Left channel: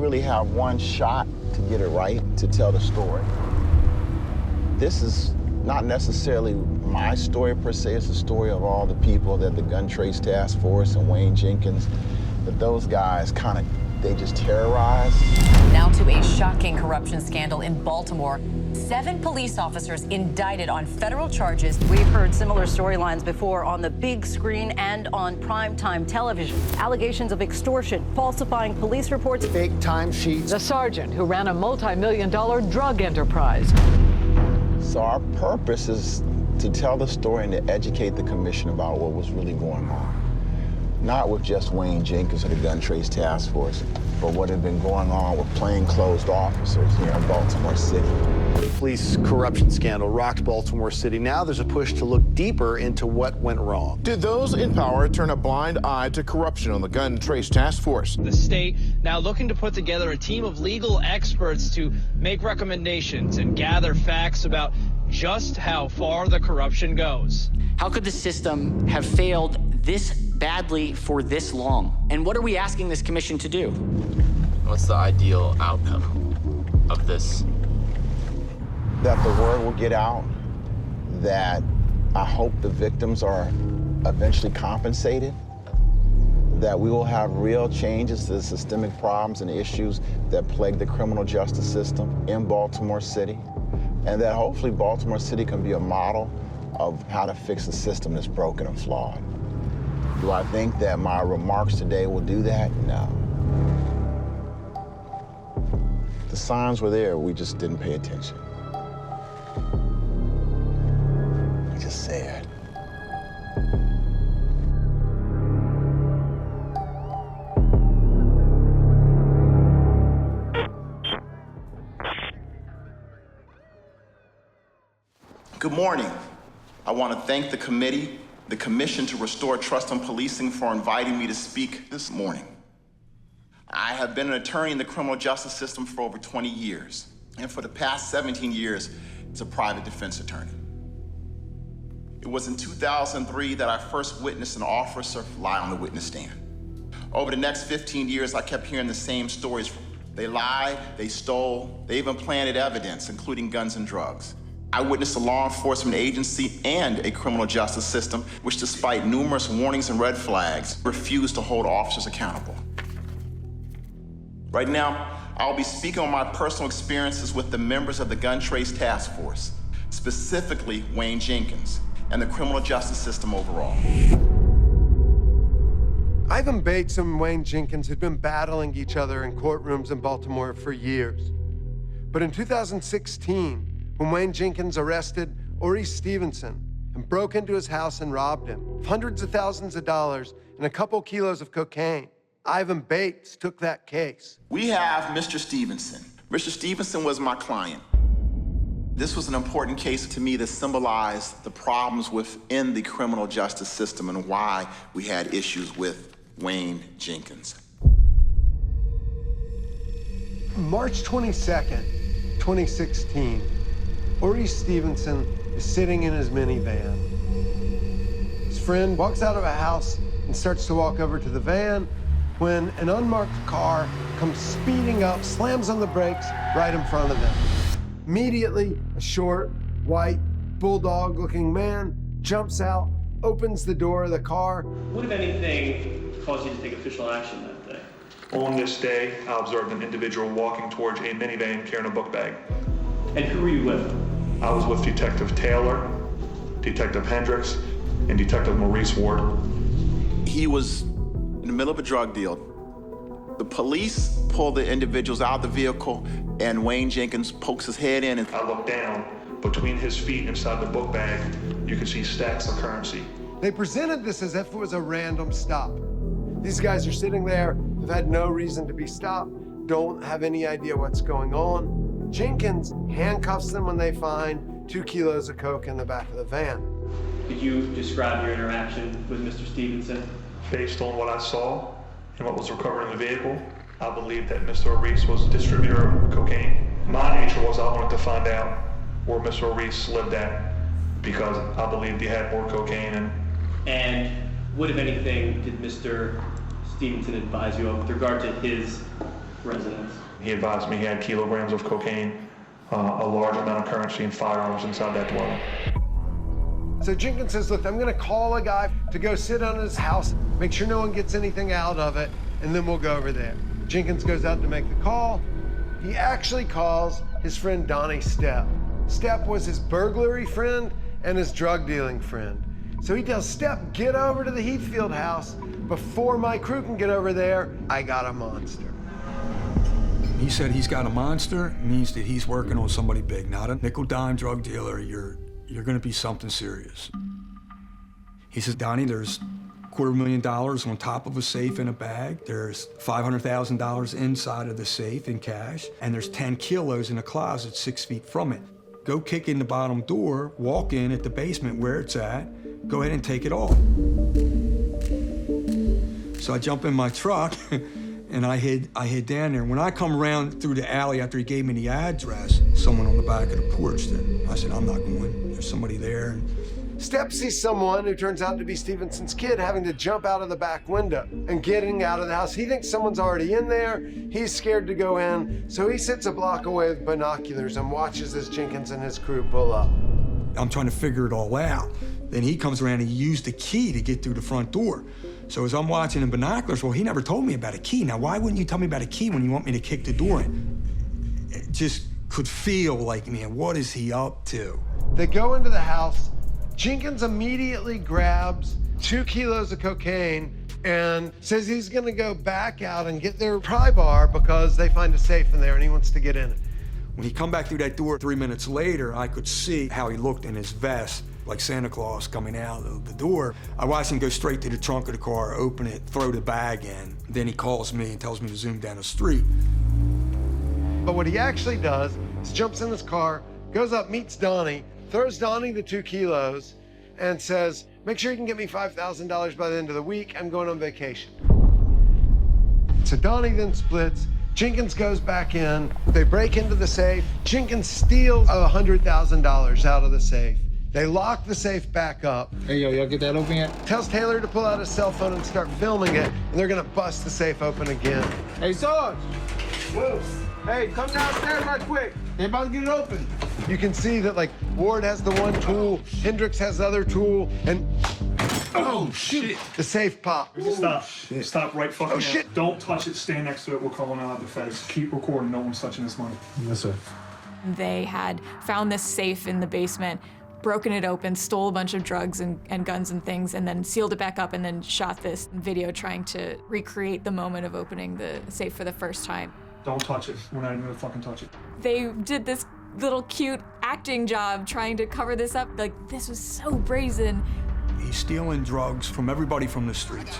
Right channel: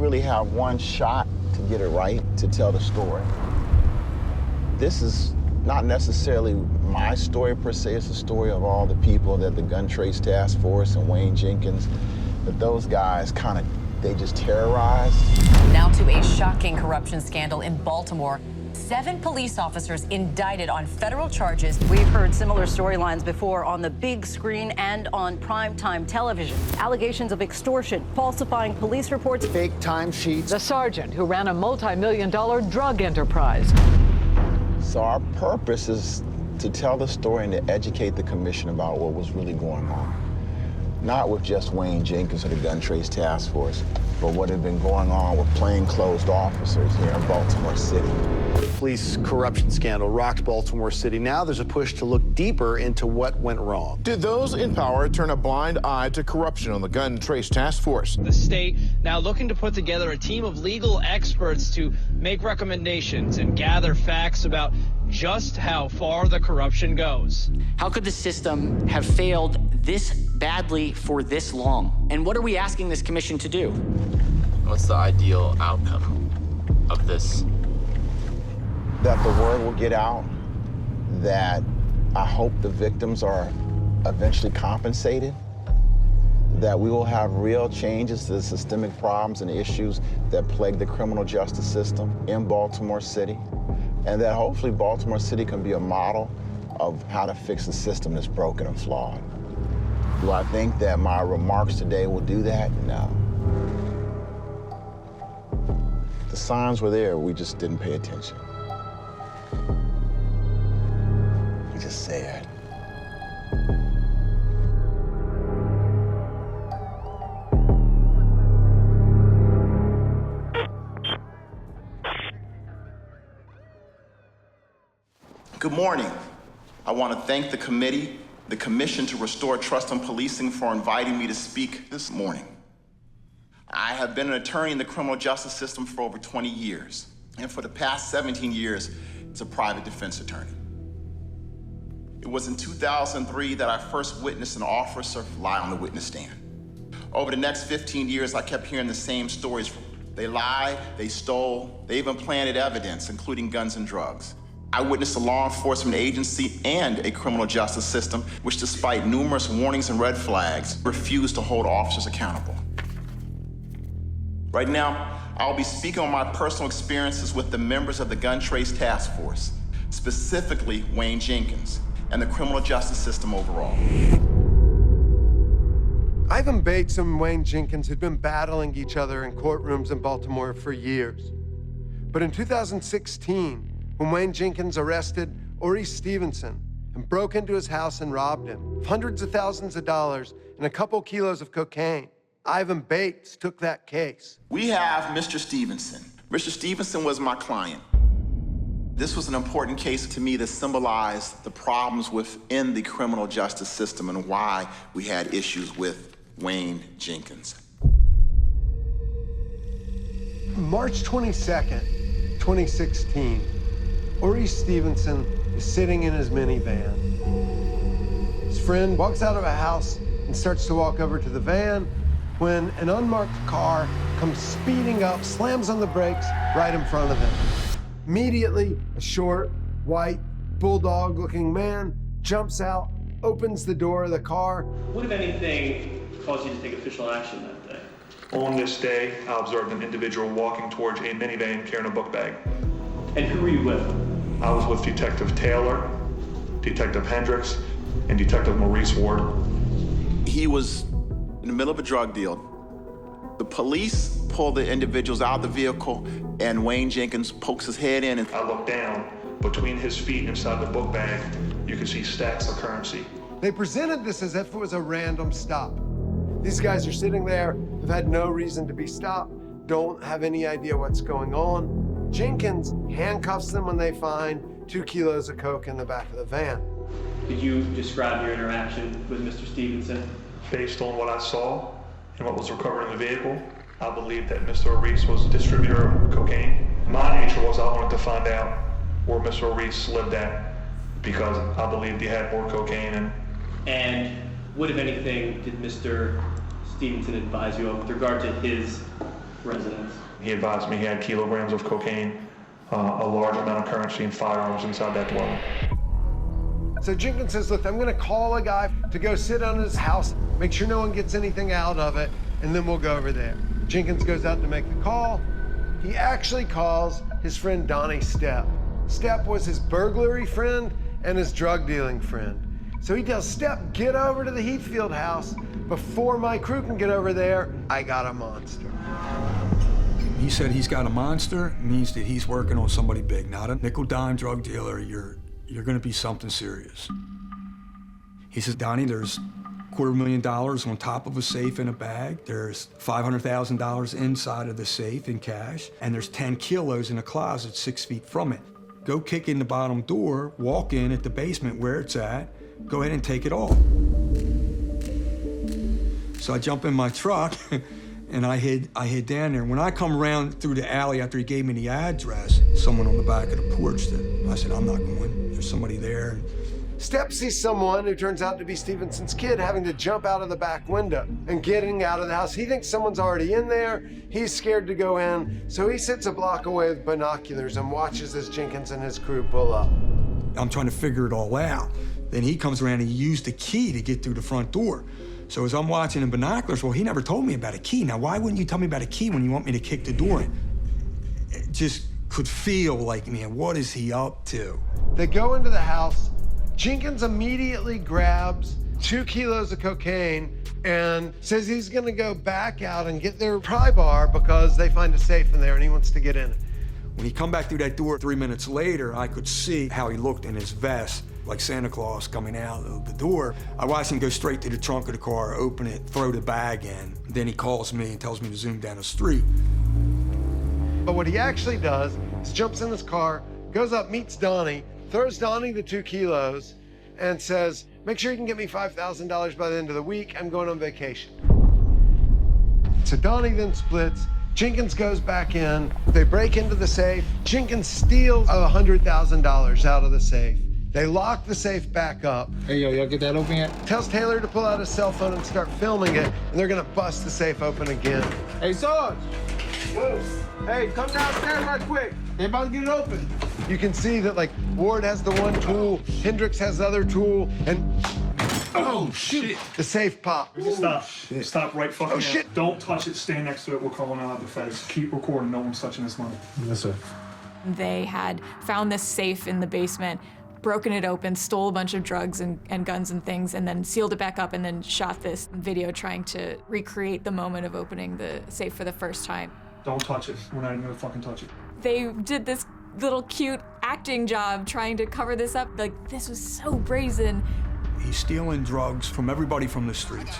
really have one shot to get it right, to tell the story. This is not necessarily my story per se, it's the story of all the people that the Gun Trace Task Force and Wayne Jenkins, that those guys they just terrorized. Now to a shocking corruption scandal in Baltimore. 7 police officers indicted on federal charges. We've heard similar storylines before on the big screen and on primetime television. Allegations of extortion, falsifying police reports, Fake timesheets. The sergeant who ran a multi-million-dollar drug enterprise. So our purpose is to tell the story and to educate the commission about what was really going on. Not with just Wayne Jenkins or the Gun Trace Task Force, but what had been going on with plainclothes officers here in Baltimore City. The police corruption scandal rocked Baltimore City. Now there's a push to look deeper into what went wrong. Did those in power turn a blind eye to corruption on the Gun Trace Task Force? The state now looking to put together a team of legal experts to make recommendations and gather facts about just how far the corruption goes. How could the system have failed this badly for this long? And what are we asking this commission to do? What's the ideal outcome of this? That the word will get out, that I hope the victims are eventually compensated, that we will have real changes to the systemic problems and issues that plague the criminal justice system in Baltimore City, and that hopefully Baltimore City can be a model of how to fix a system that's broken and flawed. Do I think that my remarks today will do that? No. The signs were there, we just didn't pay attention. We just said. Good morning. I want to thank the committee, the Commission to Restore Trust in Policing, for inviting me to speak this morning. I have been an attorney in the criminal justice system for over 20 years, and for the past 17 years as a private defense attorney. It was in 2003 that I first witnessed an officer lie on the witness stand. Over the next 15 years, I kept hearing the same stories. They lied, they stole, they even planted evidence, including guns and drugs. I witnessed a law enforcement agency and a criminal justice system which, despite numerous warnings and red flags, refused to hold officers accountable. Right now, I'll be speaking on my personal experiences with the members of the Gun Trace Task Force, specifically Wayne Jenkins, and the criminal justice system overall. Ivan Bates and Wayne Jenkins had been battling each other in courtrooms in Baltimore for years. But in 2016, when Wayne Jenkins arrested Oris Stevenson and broke into his house and robbed him of hundreds of thousands of dollars and a couple kilos of cocaine, Ivan Bates took that case. We have Mr. Stevenson. Mr. Stevenson was my client. This was an important case to me that symbolized the problems within the criminal justice system and why we had issues with Wayne Jenkins. March 22nd, 2016, Oris Stevenson is sitting in his minivan. His friend walks out of a house and starts to walk over to the van when an unmarked car comes speeding up, slams on the brakes right in front of them. Immediately, a short, white, bulldog-looking man jumps out, opens the door of the car. What, if anything, caused you to take official action that day? On this day, I observed an individual walking towards a minivan carrying a book bag. And who were you with? I was with Detective Taylor, Detective Hendricks, and Detective Maurice Ward. He was in the middle of a drug deal. The police pull the individuals out of the vehicle, and Wayne Jenkins pokes his head in. And I looked down. Between his feet inside the book bag, you could see stacks of currency. They presented this as if it was a random stop. These guys are sitting there, have had no reason to be stopped, don't have any idea what's going on. Jenkins handcuffs them when they find 2 kilos of coke in the back of the van. Could you describe your interaction with Mr. Stevenson? Based on what I saw and what was recovered in the vehicle, I believe that Mr. Oris was a distributor of cocaine. My nature was I wanted to find out where Mr. Oris lived at because I believed he had more cocaine. And what, if anything, did Mr. Stevenson advise you of with regard to his residence? He advised me he had kilograms of cocaine, a large amount of currency, and firearms inside that dwelling. So Jenkins says, look, I'm gonna call a guy to go sit on his house, make sure no one gets anything out of it, and then we'll go over there. Jenkins goes out to make the call. He actually calls his friend Donnie Stepp. Stepp was his burglary friend and his drug dealing friend. So he tells Stepp, get over to the Heathfield house. Before my crew can get over there, I got a monster. He said he's got a monster, means that he's working on somebody big, not a nickel-dime drug dealer. You're gonna be something serious. He says, Donnie, there's $250,000 on top of a safe in a bag. There's $500,000 inside of the safe in cash, and there's 10 kilos in a closet 6 feet from it. Go kick in the bottom door, walk in at the basement where it's at, go ahead and take it all. So I jump in my truck and I hid down there. When I come around through the alley after he gave me the address, someone on the back of the porch did. I said, I'm not going. There's somebody there. Stepp sees someone who turns out to be Stevenson's kid having to jump out of the back window and getting out of the house. He thinks someone's already in there. He's scared to go in. So he sits a block away with binoculars and watches as Jenkins and his crew pull up. I'm trying to figure it all out. Then he comes around and he used the key to get through the front door. So as I'm watching in binoculars, well, he never told me about a key. Now, why wouldn't you tell me about a key when you want me to kick the door in? It just could feel like, man, what is he up to? They go into the house. Jenkins immediately grabs 2 kilos of cocaine and says he's gonna go back out and get their pry bar because they find a safe in there and he wants to get in it. When he come back through that door 3 minutes later, I could see how he looked in his vest, like Santa Claus coming out of the door. I watched him go straight to the trunk of the car, open it, throw the bag in. Then he calls me and tells me to zoom down the street. But what he actually does is jumps in his car, goes up, meets Donnie, throws Donnie the 2 kilos, and says, make sure you can get me $5,000 by the end of the week. I'm going on vacation. So Donnie then splits. Jenkins goes back in. They break into the safe. Jenkins steals $100,000 out of the safe. They lock the safe back up. Hey, yo, y'all get that open yet? Tells Taylor to pull out his cell phone and start filming it, and they're gonna bust the safe open again. Hey, Sarge! Hey, come downstairs right quick. They about to get it open. You can see that, like, Ward has the one tool, Hendricks has the other tool, and oh shit, the safe popped. Stop. Stop right fucking now. Shit. Don't touch it. Stay next to it. We're calling out the feds. Keep recording. No one's touching this money. Yes, sir. They had found this safe in the basement, broken it open, stole a bunch of drugs and guns and things, and then sealed it back up and then shot this video trying to recreate the moment of opening the safe for the first time. Don't touch it. We're not even gonna fucking touch it. They did this little cute acting job trying to cover this up. Like, this was so brazen. He's stealing drugs from everybody from the streets.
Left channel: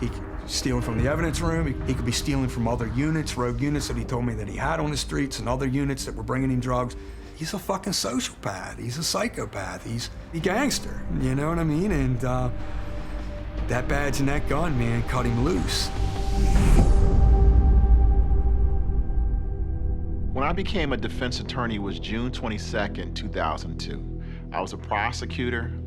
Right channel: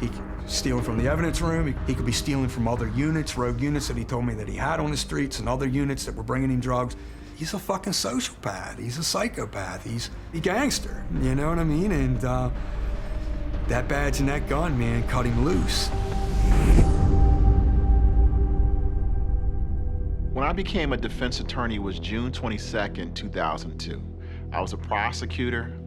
He could steal from the evidence room. He could be stealing from other units, rogue units that he told me that he had on the streets, and other units that were bringing him drugs. He's a fucking sociopath. He's a psychopath. He's a gangster. You know what I mean? And that badge and that gun, man, cut him loose. When I became a defense attorney was June 22nd, 2002. I was a prosecutor,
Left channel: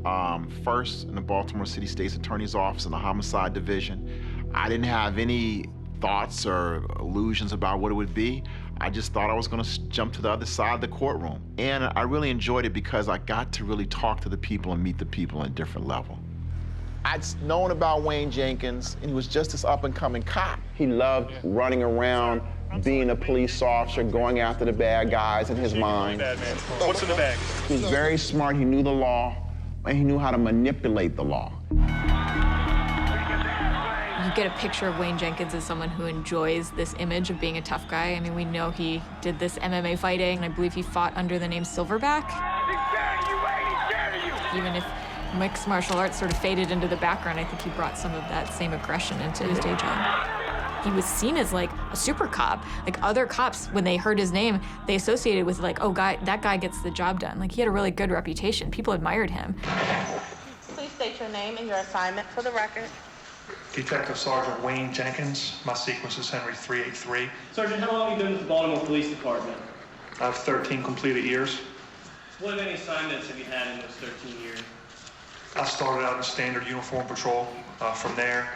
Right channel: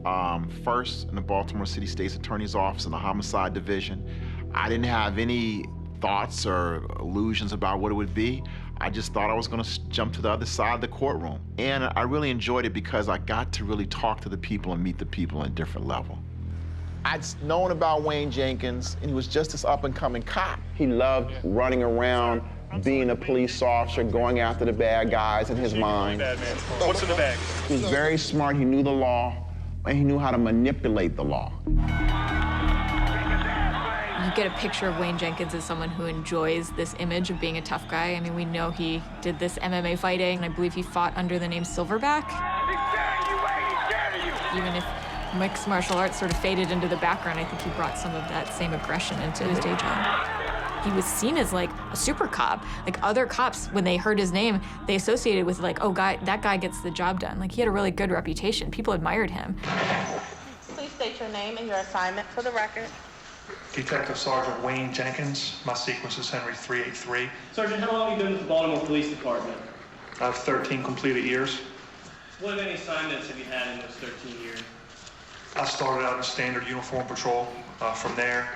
first in the Baltimore City State's Attorney's Office in the Homicide Division. I didn't have any thoughts or illusions about what it would be. I just thought I was gonna jump to the other side of the courtroom. And I really enjoyed it because I got to really talk to the people and meet the people on a different level. I'd known about Wayne Jenkins, and he was just this up-and-coming cop. He loved running around, being a police officer, going after the bad guys in his mind. What's in the bag? He was very smart. He knew the law, and he knew how to manipulate the law. You get a picture of Wayne Jenkins as someone who enjoys this image of being a tough guy. I mean, we know he did this MMA fighting, and I believe he fought under the name Silverback. Even if mixed martial arts sort of faded into the background, I think he brought some of that same aggression into his day job. He was seen as like a super cop. Like, other cops, when they heard his name, they associated with like, oh, that guy gets the job done. Like, he had a really good reputation. People admired him. Please state your name and your assignment for the record. Detective Sergeant Wayne Jenkins. My sequence is Henry 383. Sergeant, how long have you been with the Baltimore Police Department? I have 13 completed years. What many assignments have you had in those 13 years? I started out in standard uniform patrol. From there,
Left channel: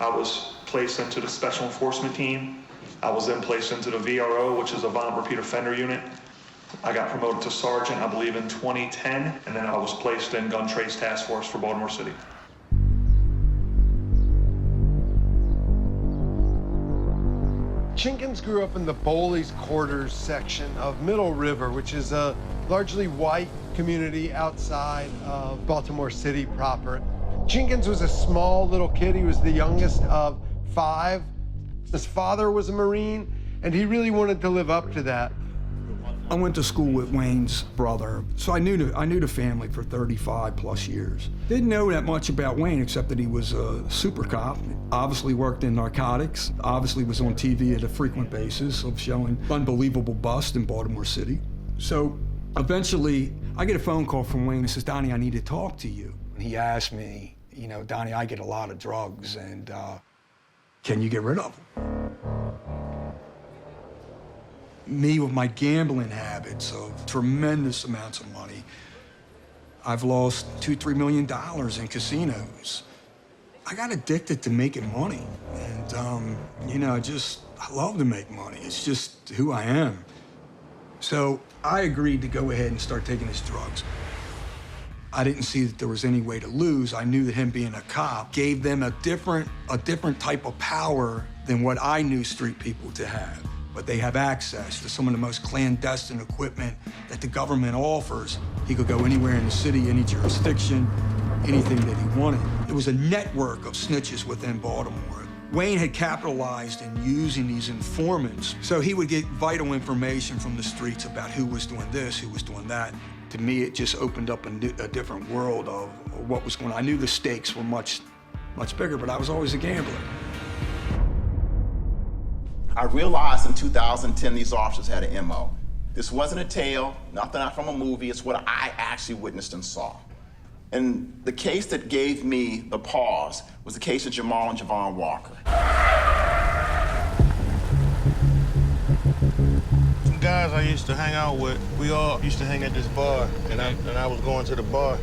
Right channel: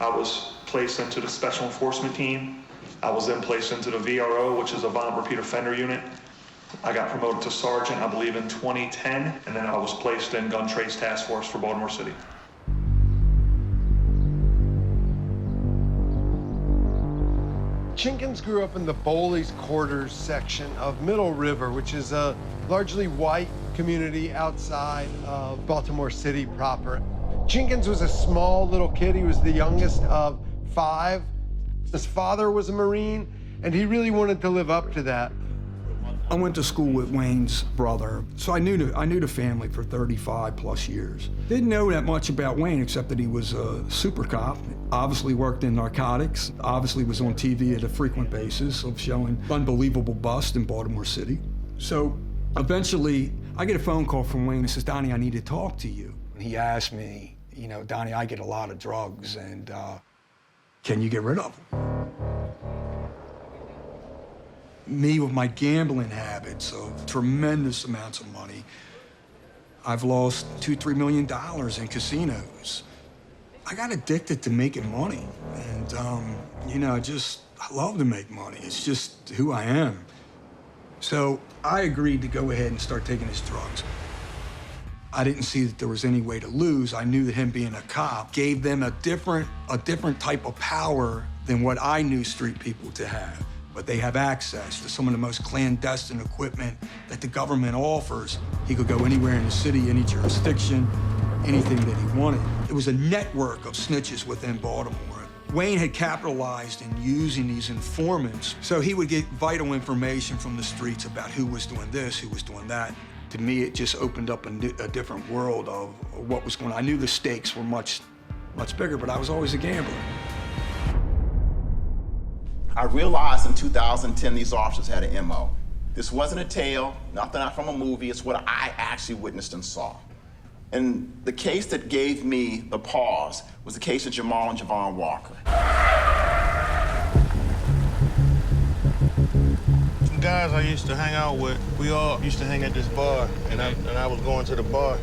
I was placed into the special enforcement team. I was then placed into the VRO, which is a violent repeat offender unit. I got promoted to sergeant, I believe, in 2010, and then I was placed in gun trace task force for Baltimore City. Jenkins grew up in the Bowley's Quarters section of Middle River, which is a largely white community outside of Baltimore City proper. Jenkins was a small little kid. He was the youngest of 5. His father was a Marine, and he really wanted to live up to that. I went to school with Wayne's brother, so I knew the family for 35 plus years. Didn't know that much about Wayne except that he was a super cop, obviously worked in narcotics, obviously was on TV at a frequent basis of showing unbelievable bust in Baltimore City. So eventually I get a phone call from Wayne. He says, "Donnie, I need to talk to you." He asked me, "Donnie, I get a lot of drugs and can you get rid of them?" Me with my gambling habits of tremendous amounts of money, I've lost $2-3 million in casinos. I got addicted to making money, and I love to make money. It's just who I am. So I agreed to go ahead and start taking his drugs. I didn't see that there was any way to lose. I knew that him being a cop gave them a different type of power than what I knew street people to have. But they have access to some of the most clandestine equipment that the government offers. He could go anywhere in the city, any jurisdiction, anything that he wanted. It was a network of snitches within Baltimore. Wayne had capitalized in using these informants, so he would get vital information from the streets about who was doing this, who was doing that. To me, it just opened up a different world of what was going on. I knew the stakes were much, much bigger, but I was always a gambler. I realized in 2010 these officers had an MO. This wasn't a tale, nothing from a movie, it's what I actually witnessed and saw. And the case that gave me the pause was the case of Jamal and Jamal Walker. Some guys I used to hang out with, we all used to hang at this bar, and I was going to the bar.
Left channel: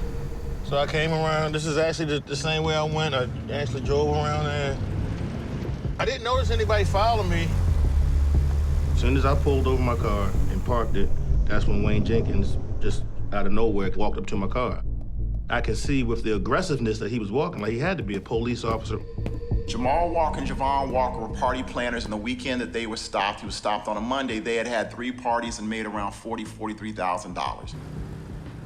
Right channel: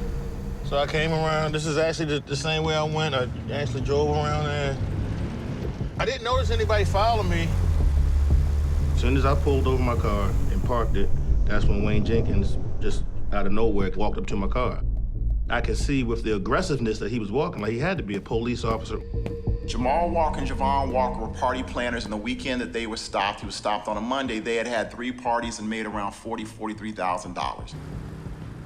So I came around, this is actually the same way I went. I actually drove around there. I didn't notice anybody following me. As soon as I pulled over my car and parked it, that's when Wayne Jenkins, just out of nowhere, walked up to my car. I could see with the aggressiveness that he was walking, like he had to be a police officer. Jamal Walker and Javon Walker were party planners, and the weekend that they were stopped, he was stopped on a Monday, they had 3 parties and made around $43,000.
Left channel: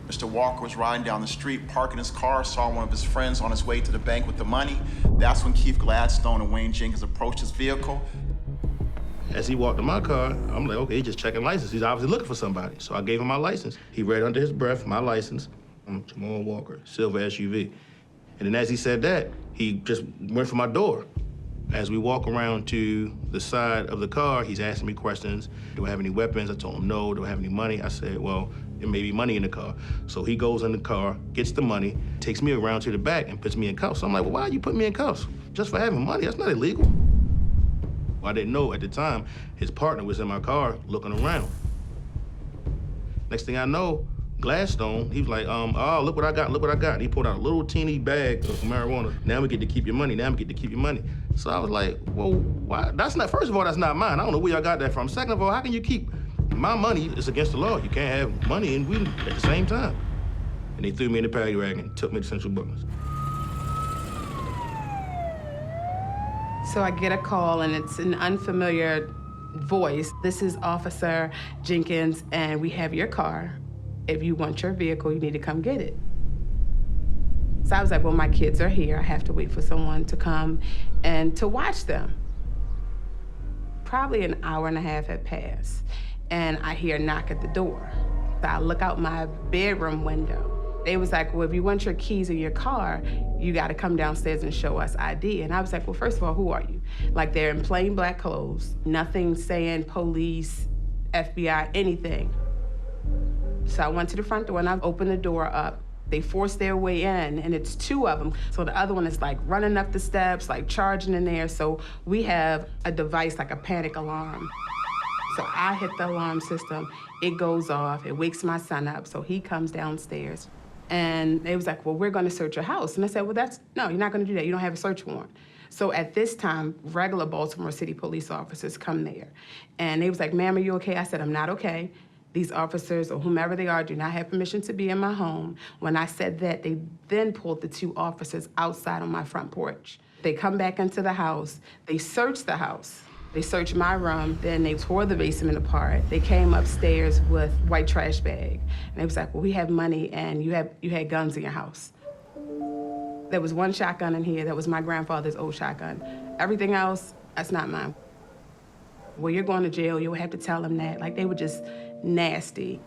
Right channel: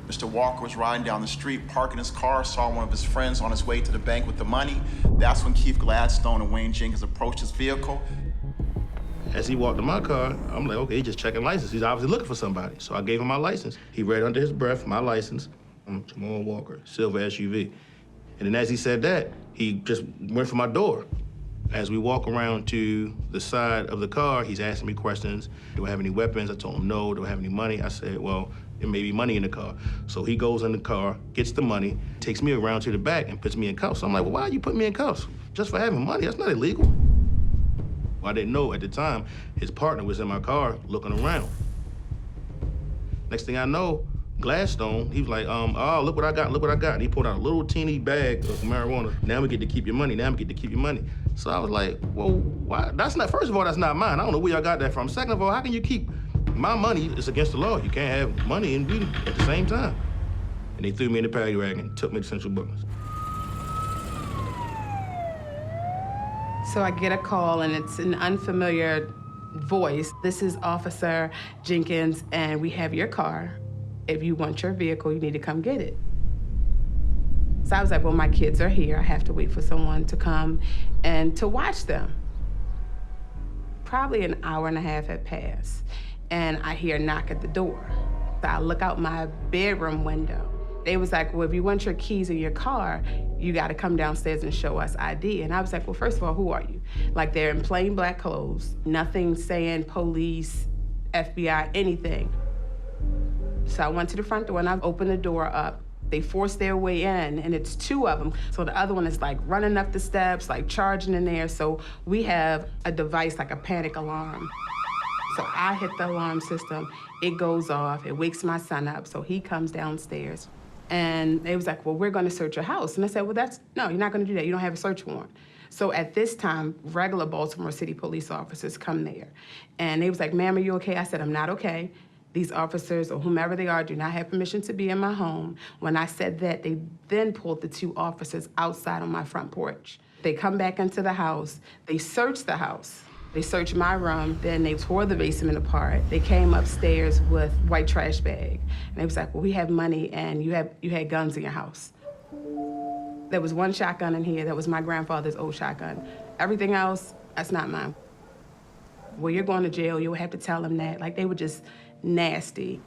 Mr. Walker was riding down the street, parking his car, saw one of his friends on his way to the bank with the money. That's when Keith Gladstone and Wayne Jenkins approached his vehicle. As he walked to my car, I'm like, okay, he's just checking license. He's obviously looking for somebody. So I gave him my license. He read under his breath my license. I'm Jamal Walker, silver SUV. And then as he said that, he just went for my door. As we walk around to the side of the car, he's asking me questions. Do I have any weapons? I told him no. Do I have any money? I said, well, there may be money in the car. So he goes in the car, gets the money, takes me around to the back and puts me in cuffs. So I'm like, well, why you put me in cuffs? Just for having money? That's not illegal. I didn't know at the time his partner was in my car looking around. Next thing I know, Gladstone, he was like, oh, look what I got, look what I got. He pulled out a little teeny bag of marijuana. Now we get to keep your money, now we get to keep your money. So I was like, well, why? That's not, first of all, that's not mine. I don't know where y'all got that from. Second of all, how can you keep my money? It's against the law. You can't have money and weed at the same time. And they threw me in the paddy wagon and took me to Central Brooklands. So I get a call and it's an unfamiliar voice. This is Officer Jenkins and we have your car. If you want your vehicle, you need to come get it. So I was like, well, my kids are here. I have to wait for someone to come and to watch them. Probably an hour and a half had passed and I hear a knock at the door. So I look out my bedroom window. They was like, well, if you want your keys in your car, you got to come downstairs and show us ID. And I was like, well, first of all, who are you? Like, they're in plain black clothes, nothing saying police, FBI, anything. So I went to the front door and I opened the door up. They forced their way in and it's 2 of them. So the other one is like running up the steps, like charging in there. So we have a device like a panic alarm. So I hit the alarm system, it goes off, it wakes my son up. So he comes downstairs. And they was like, well, we're going to search your house. And I said, well, no, you're not going to do that. You don't have a search warrant. So at this time, regular Baltimore City police officers come there. And they was like, ma'am, are you okay? I said, I'm not okay. These officers, or whomever they are, do not have permission to be in my home. When I said that, they then pulled the 2 officers outside on my front porch. They come back into the house. They searched the house. They searched my room. Then they tore the basement apart. They came upstairs with white trash bag. And they was like, well, we have money and you had guns in your house. There was 1 shotgun in here. That was my grandfather's old shotgun. Everything else, that's not mine. Well, you're going to jail. You'll have to tell them that. Like, they were just nasty.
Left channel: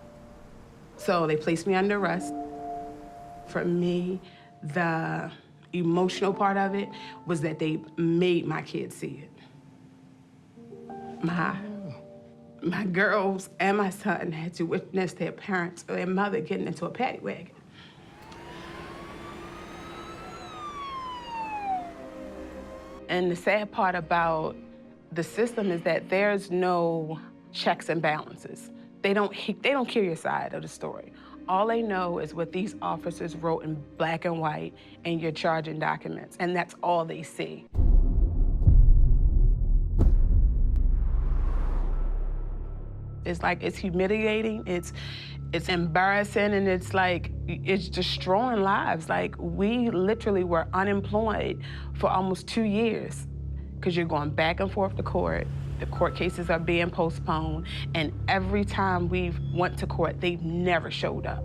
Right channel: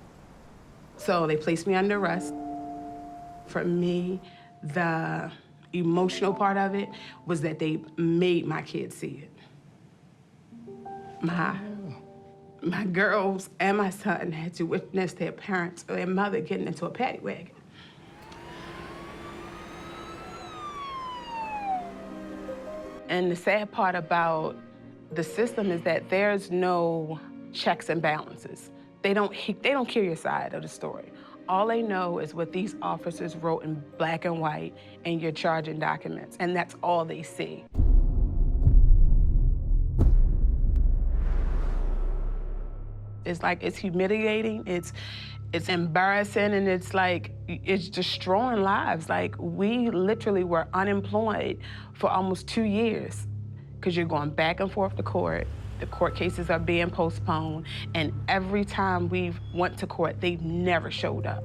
So they placed me under arrest. For me, the emotional part of it was that they made my kids see it. My girls and my son had to witness their parents or their mother getting into a paddy wagon. And the sad part about the system is that there's no checks and balances. They don't hear your side of the story. All they know is what these officers wrote in black and white in your charging documents, and that's all they see. It's like, it's humiliating, it's embarrassing, and it's like, it's destroying lives. Like, we literally were unemployed for almost 2 years because you're going back and forth to court. The court cases are being postponed, and every time we've went to court, they've never showed up.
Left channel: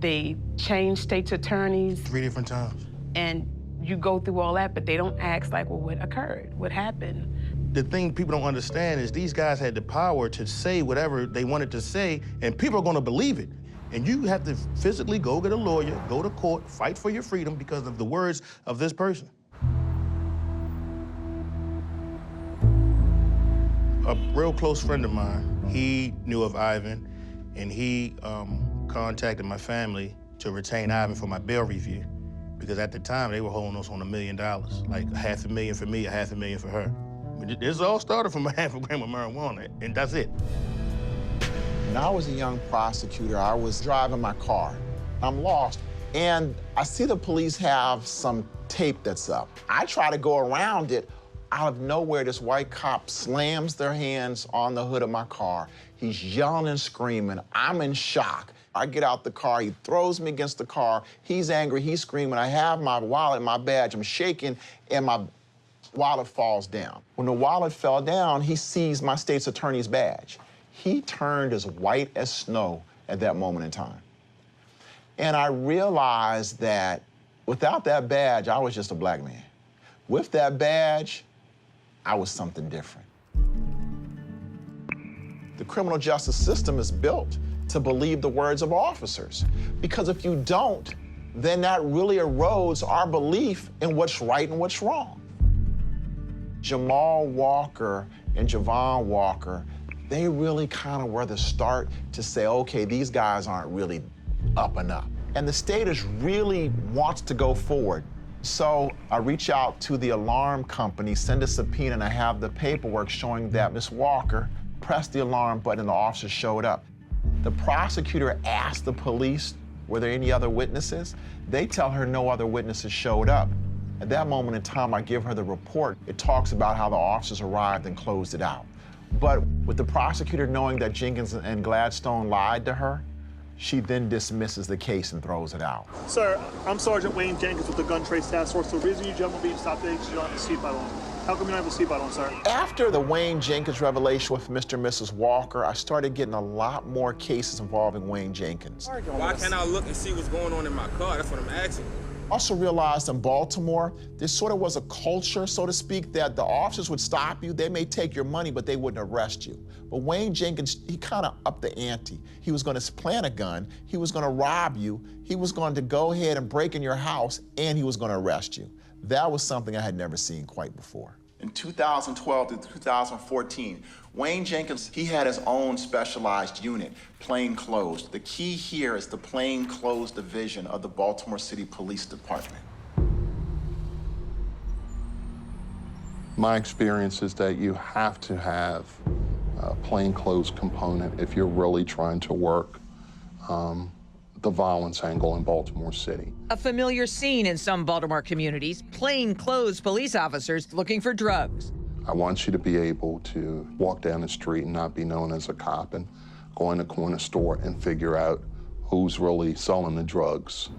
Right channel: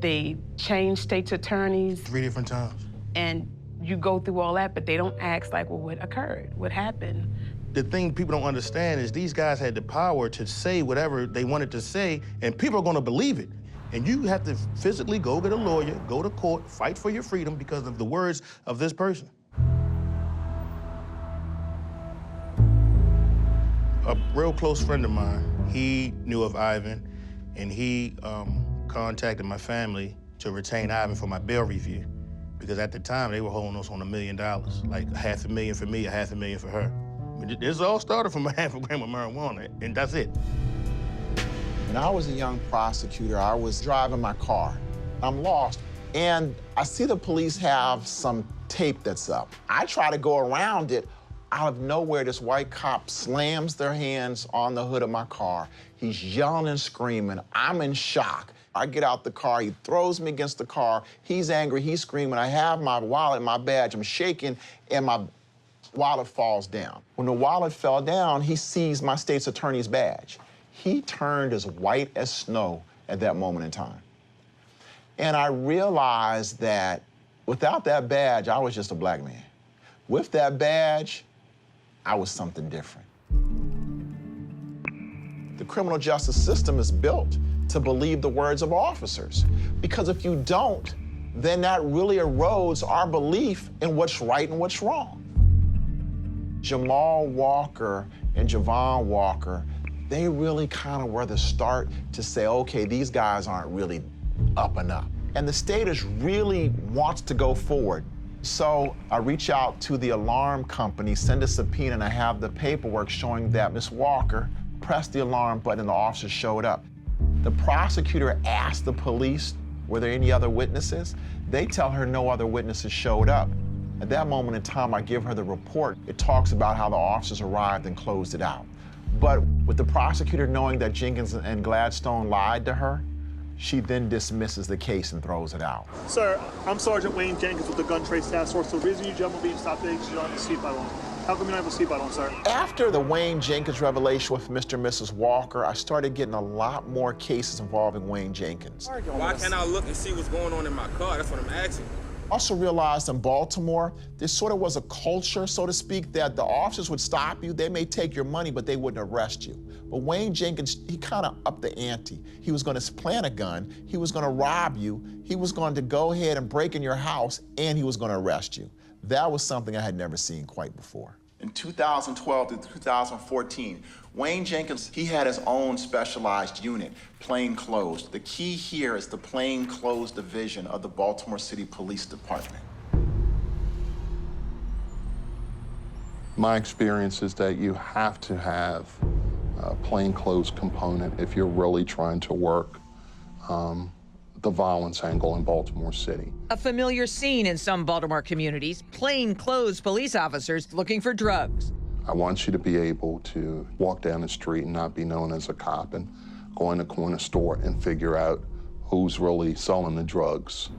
They changed state's attorneys. 3 different times. And you go through all that, but they don't ask, like, well, what occurred? What happened? The thing people don't understand is these guys had the power to say whatever they wanted to say, and people are gonna believe it. And you have to physically go get a lawyer, go to court, fight for your freedom because of the words of this person. A real close friend of mine, he knew of Ivan, and he contacted my family to retain Ivan for my bail review, because at the time they were holding us on $1 million, like $500,000 for me, $500,000 for her. This all started from a half a gram of marijuana, and that's it. When I was a young prosecutor, I was driving my car. I'm lost, and I see the police have some tape that's up. I try to go around it. Out of nowhere, this white cop slams their hands on the hood of my car. He's yelling and screaming. I'm in shock. I get out the car. He throws me against the car. He's angry. He's screaming. I have my wallet, my badge. I'm shaking, and my wallet falls down. When the wallet fell down, he sees my state's attorney's badge. He turned as white as snow at that moment in time. And I realized that without that badge, I was just a black man. With that badge, I was something different. The criminal justice system is built to believe the words of officers, because if you don't, then that really erodes our belief in what's right and what's wrong. Jamal Walker and Javon Walker, they really kind of were the start to say, okay, these guys aren't really up and up. And the state is really wants to go forward. So I reach out to the alarm company, send a subpoena, and I have the paperwork showing that Miss Walker pressed the alarm button and the officer showed up. The prosecutor asked the police, were there any other witnesses? They tell her no other witnesses showed up. At that moment in time, I give her the report. It talks about how the officers arrived and closed it out. But with the prosecutor knowing that Jenkins and Gladstone lied to her, she then dismisses the case and throws it out. Sir, I'm Sergeant Wayne Jenkins with the Gun Trace Task Force. The reason you jumped me, stop there, you don't have a seatbelt on. How come you don't have a seatbelt on, sir? After the Wayne Jenkins revelation with Mr. and Mrs. Walker, I started getting a lot more cases involving Wayne Jenkins. Why can't I look and see what's going on in my car? That's what I'm asking. Also realized in Baltimore, there sort of was a culture, so to speak, that the officers would stop you. They may take your money, but they wouldn't arrest you. But Wayne Jenkins, he kind of upped the ante. He was going to plant a gun. He was going to rob you. He was going to go ahead and break in your house, and he was going to arrest you. That was something I had never seen quite before. In 2012 to 2014, Wayne Jenkins, he had his own specialized unit, plainclothes. The key here is the plainclothes division of the Baltimore City Police Department. My experience is that you have to have a plainclothes component if you're really trying to work the violence angle in Baltimore City. A familiar scene in some Baltimore communities, plainclothes police officers looking for drugs. I want you to be able to walk down the street and not be known as a cop and go in the corner store and figure out who's really selling the drugs.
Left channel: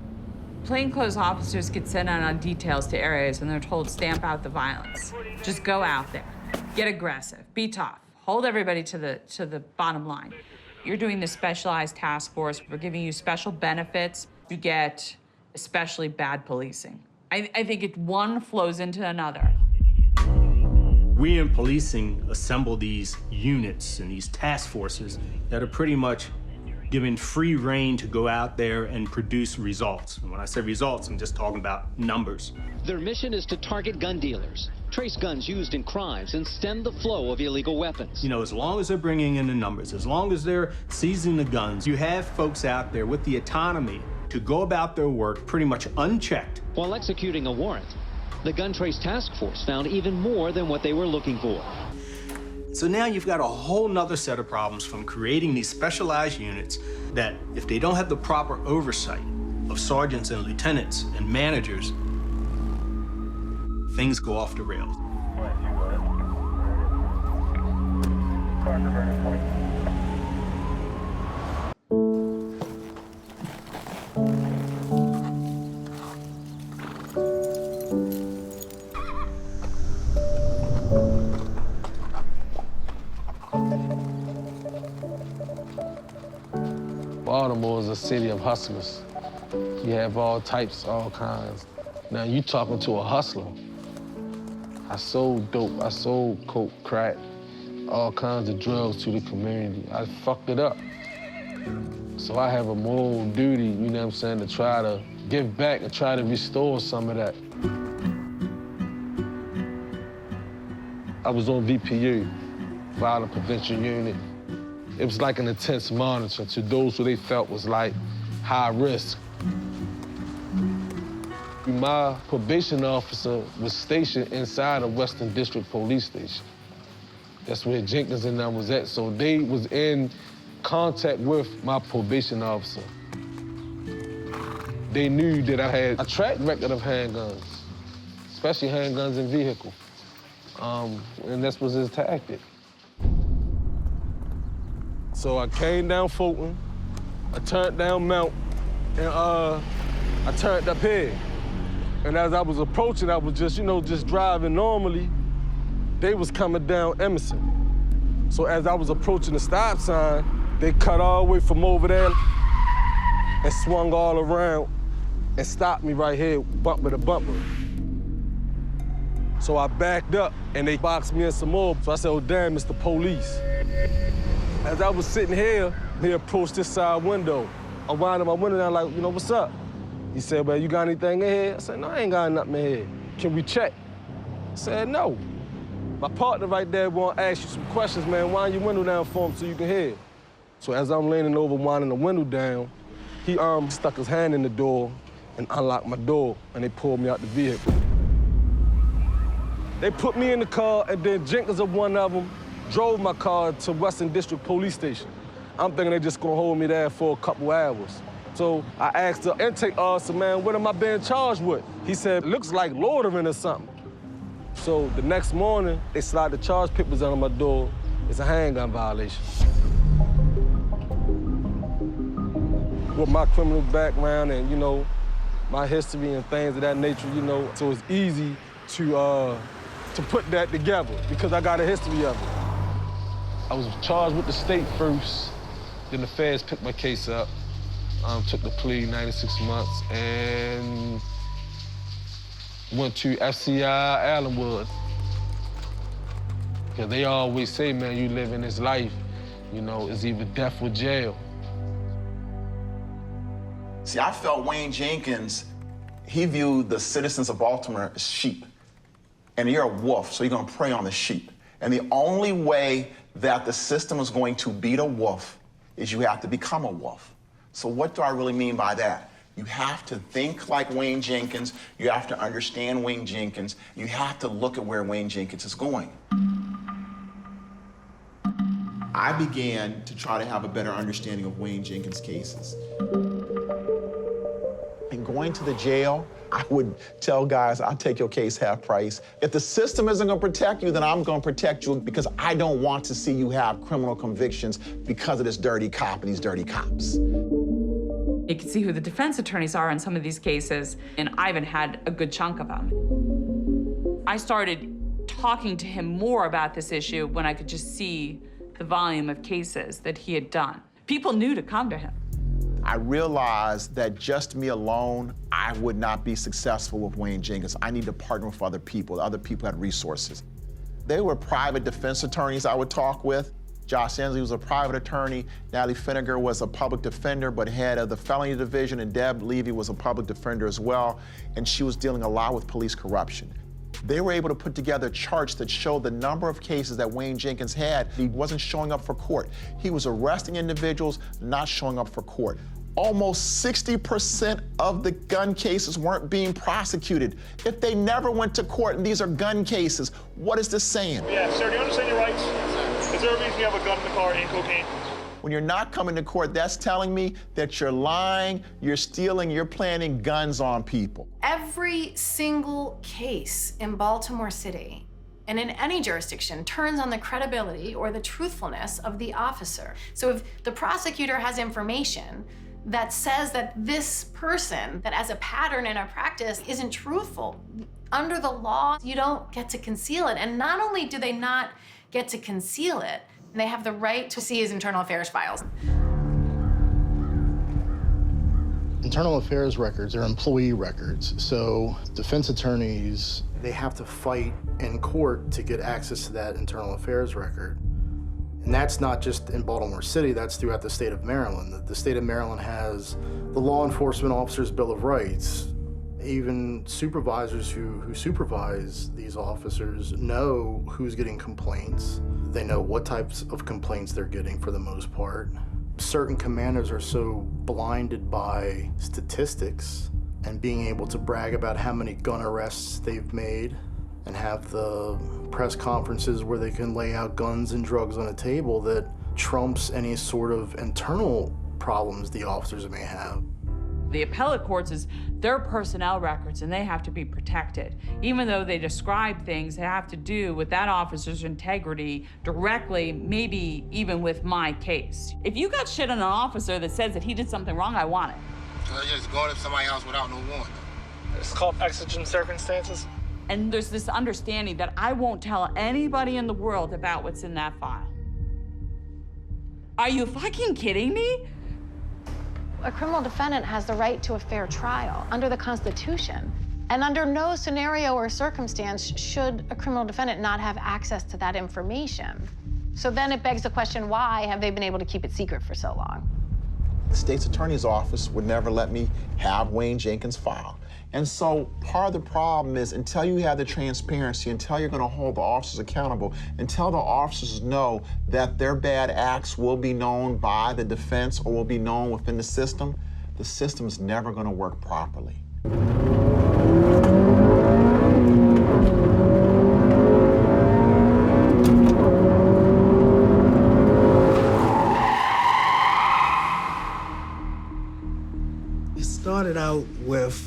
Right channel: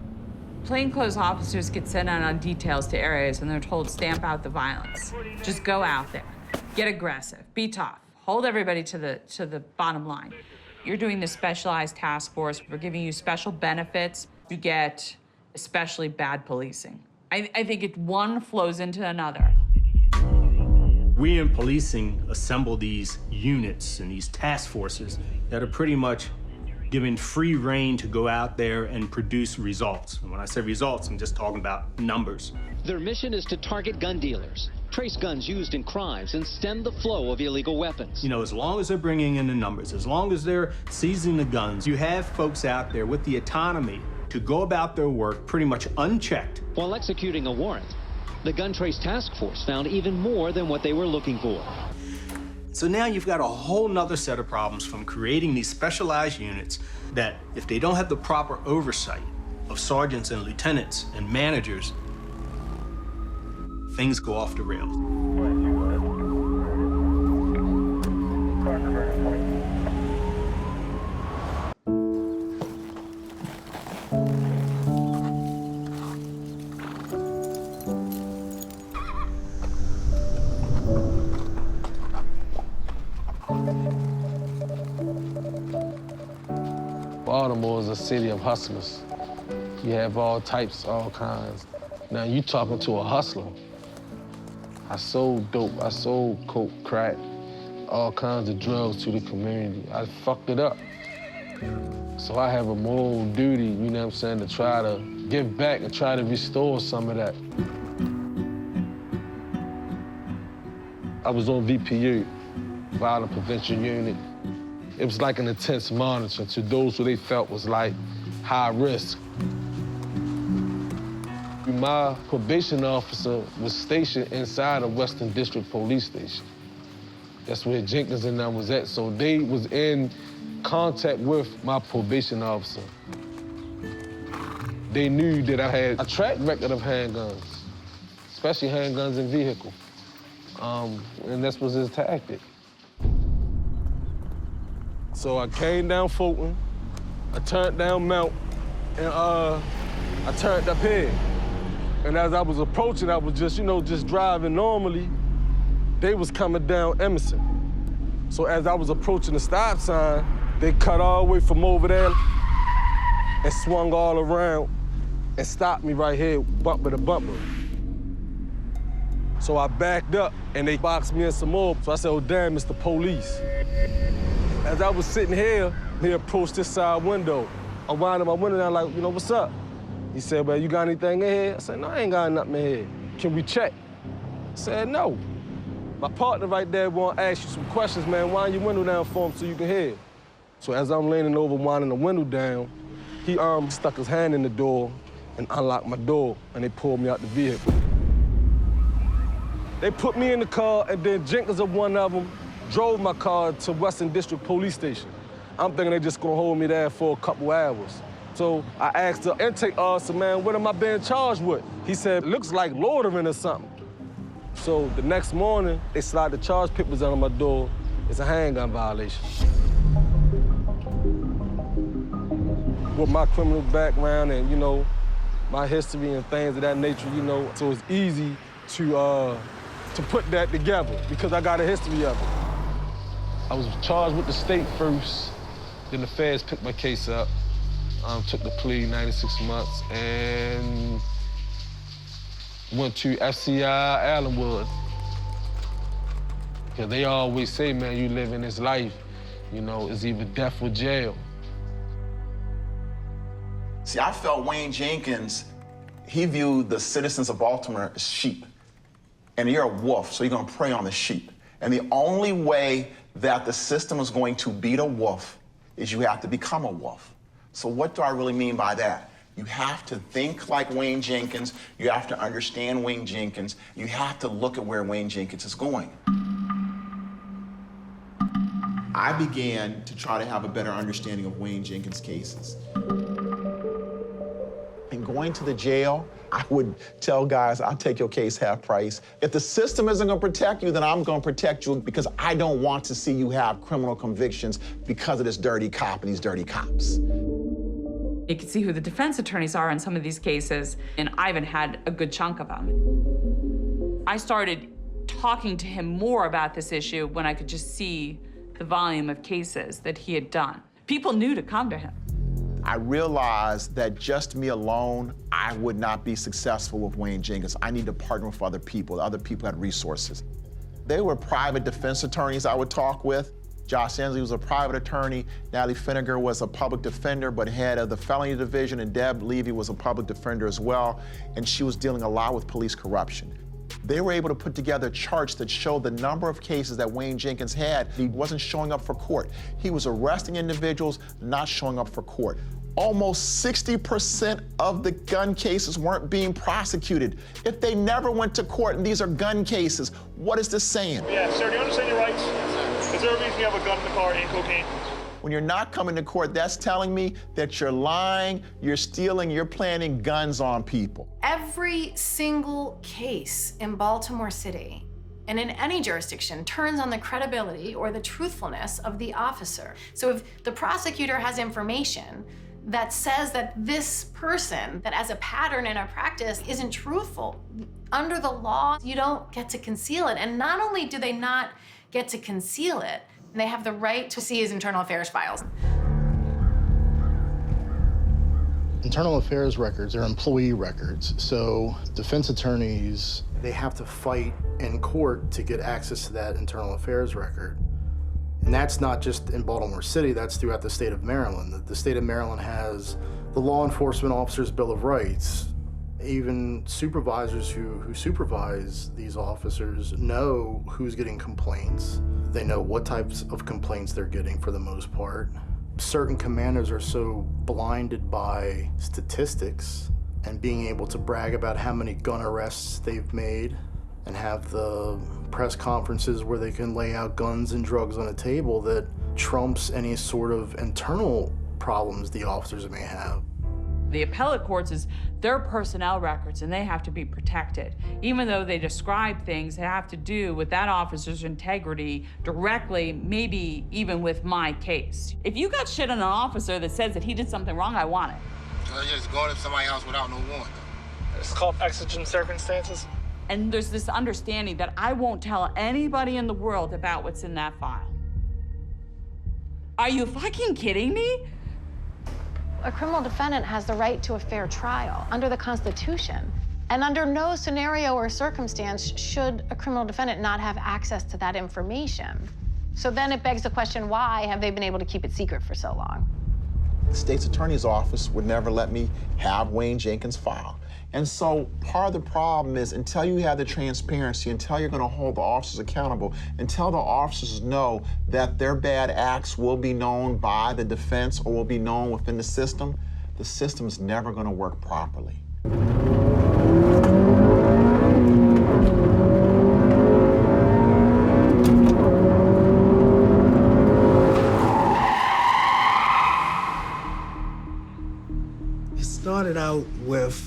Plainclothes officers get sent out on details to areas when they're told stamp out the violence. Just go out there, get aggressive, be tough, hold everybody to the bottom line. You're doing the specialized task force. We're giving you special benefits. You get especially bad policing. I think one flows into another. We in policing assemble these units and these task forces that are pretty much given free rein to go out there and produce results. And when I say results, I'm just talking about numbers. Their mission is to target gun dealers, trace guns used in crimes, and stem the flow of illegal weapons. You know, as long as they're bringing in the numbers, as long as they're seizing the guns, you have folks out there with the autonomy to go about their work pretty much unchecked. While executing a warrant, the gun trace task force found even more than what they were looking for. So now you've got a whole nother set of problems from creating these specialized units that, if they don't have the proper oversight of sergeants and lieutenants and managers, things go off the rails. Baltimore is a city of hustlers. You have all types, all kinds. Now you talking to a hustler. I sold dope, I sold coke, crack, all kinds of drugs to the community. I fucked it up. So I have a moral duty, you know what I'm saying, to try to give back and try to restore some of that. I was on VPU, Violent Prevention Unit. It was like an intense monitor to those who they felt was like high risk. My probation officer was stationed inside of Western District Police Station. That's where Jenkins and them was at. So they was in contact with my probation officer. They knew that I had a track record of handguns, especially handguns in vehicles. And this was his tactic. So I came down Fulton, I turned down Mount, and I turned up here. And as I was approaching, I was just driving normally. They was coming down Emerson. So as I was approaching the stop sign, they cut all the way from over there and swung all around and stopped me right here, bumper to bumper. So I backed up and they boxed me in some more. So I said, oh damn, it's the police. As I was sitting here, he approached this side window. I wound up my window down like, what's up? He said, well, you got anything in here? I said, no, I ain't got nothing in here. Can we check? I said, no. My partner right there gonna ask you some questions, man. Wind your window down for him so you can hear. So as I'm leaning over, winding the window down, he stuck his hand in the door and unlocked my door, and they pulled me out the vehicle. They put me in the car, and then Jenkins of one of them drove my car to Western District Police Station. I'm thinking they're just gonna hold me there for a couple hours. So I asked the intake officer, man, what am I being charged with? He said, looks like loitering or something. So the next morning, they slide the charge papers out on my door. It's a handgun violation. With my criminal background and, my history and things of that nature, so it's easy to put that together because I got a history of it. I was charged with the state first, then the feds picked my case up. Took the plea, 96 months, and went to FCI Allenwood. Yeah, they always say, man, you live in this life, it's either death or jail. See, I felt Wayne Jenkins, he viewed the citizens of Baltimore as sheep. And you're a wolf, so you're gonna prey on the sheep. And the only way that the system is going to beat a wolf is you have to become a wolf. So what do I really mean by that? You have to think like Wayne Jenkins. You have to understand Wayne Jenkins. You have to look at where Wayne Jenkins is going. I began to try to have a better understanding of Wayne Jenkins' cases. And going to the jail, I would tell guys, I'll take your case half price. If the system isn't gonna protect you, then I'm gonna protect you because I don't want to see you have criminal convictions because of this dirty cop and these dirty cops. You can see who the defense attorneys are in some of these cases, and Ivan had a good chunk of them. I started talking to him more about this issue when I could just see the volume of cases that he had done. People knew to come to him. I realized that just me alone, I would not be successful with Wayne Jenkins. I need to partner with other people. Other people had resources. They were private defense attorneys I would talk with. Josh Ensley was a private attorney. Natalie Finnegar was a public defender, but head of the felony division, and Deb Levy was a public defender as well, and she was dealing a lot with police corruption. They were able to put together charts that showed the number of cases that Wayne Jenkins had. He wasn't showing up for court. He was arresting individuals, not showing up for court. Almost 60% of the gun cases weren't being prosecuted. If they never went to court, and these are gun cases, what is this saying? Yeah, sir, do you understand your rights? Is there a reason you have a gun in the car and cocaine? When you're not coming to court, that's telling me that you're lying, you're stealing, you're planting guns on people. Every single case in Baltimore City and in any jurisdiction turns on the credibility or the truthfulness of the officer. So if the prosecutor has information that says that this person, that as a pattern in a practice isn't truthful, under the law, you don't get to conceal it. And not only do they not get to conceal it, they have the right to see his internal affairs files. Internal affairs records are employee records, so defense attorneys, they have to fight in court to get access to that internal affairs record. And that's not just in Baltimore City, that's throughout the state of Maryland. The state of Maryland has the Law Enforcement Officers' Bill of Rights. Even supervisors who supervise these officers know who's getting complaints. They know what types of complaints they're getting for the most part. Certain commanders are so blinded by statistics and being able to brag about how many gun arrests they've made and have the press conferences where they can lay out guns and drugs on a table that trumps any sort of internal problems the officers may have. The appellate courts is their personnel records, and they have to be protected. Even though they describe things that have to do with that officer's integrity directly, maybe even with my case. If you got shit on an officer that says that he did something wrong, I want it. So they're just going to somebody's house without no warrant. It's called exigent circumstances. And there's this understanding that I won't tell anybody in the world about what's in that file. Are you fucking kidding me? A criminal defendant has the right to a fair trial under the Constitution. And under no scenario or circumstance should a criminal defendant not have access to that information. So then it begs the question, why have they been able to keep it secret for so long? The state's attorney's office would never let me have Wayne Jenkins' file. And so part of the problem is until you have the transparency, until you're going to hold the officers accountable, until the officers know that their bad acts will be known by the defense or will be known within the system is never going to work properly. It started out with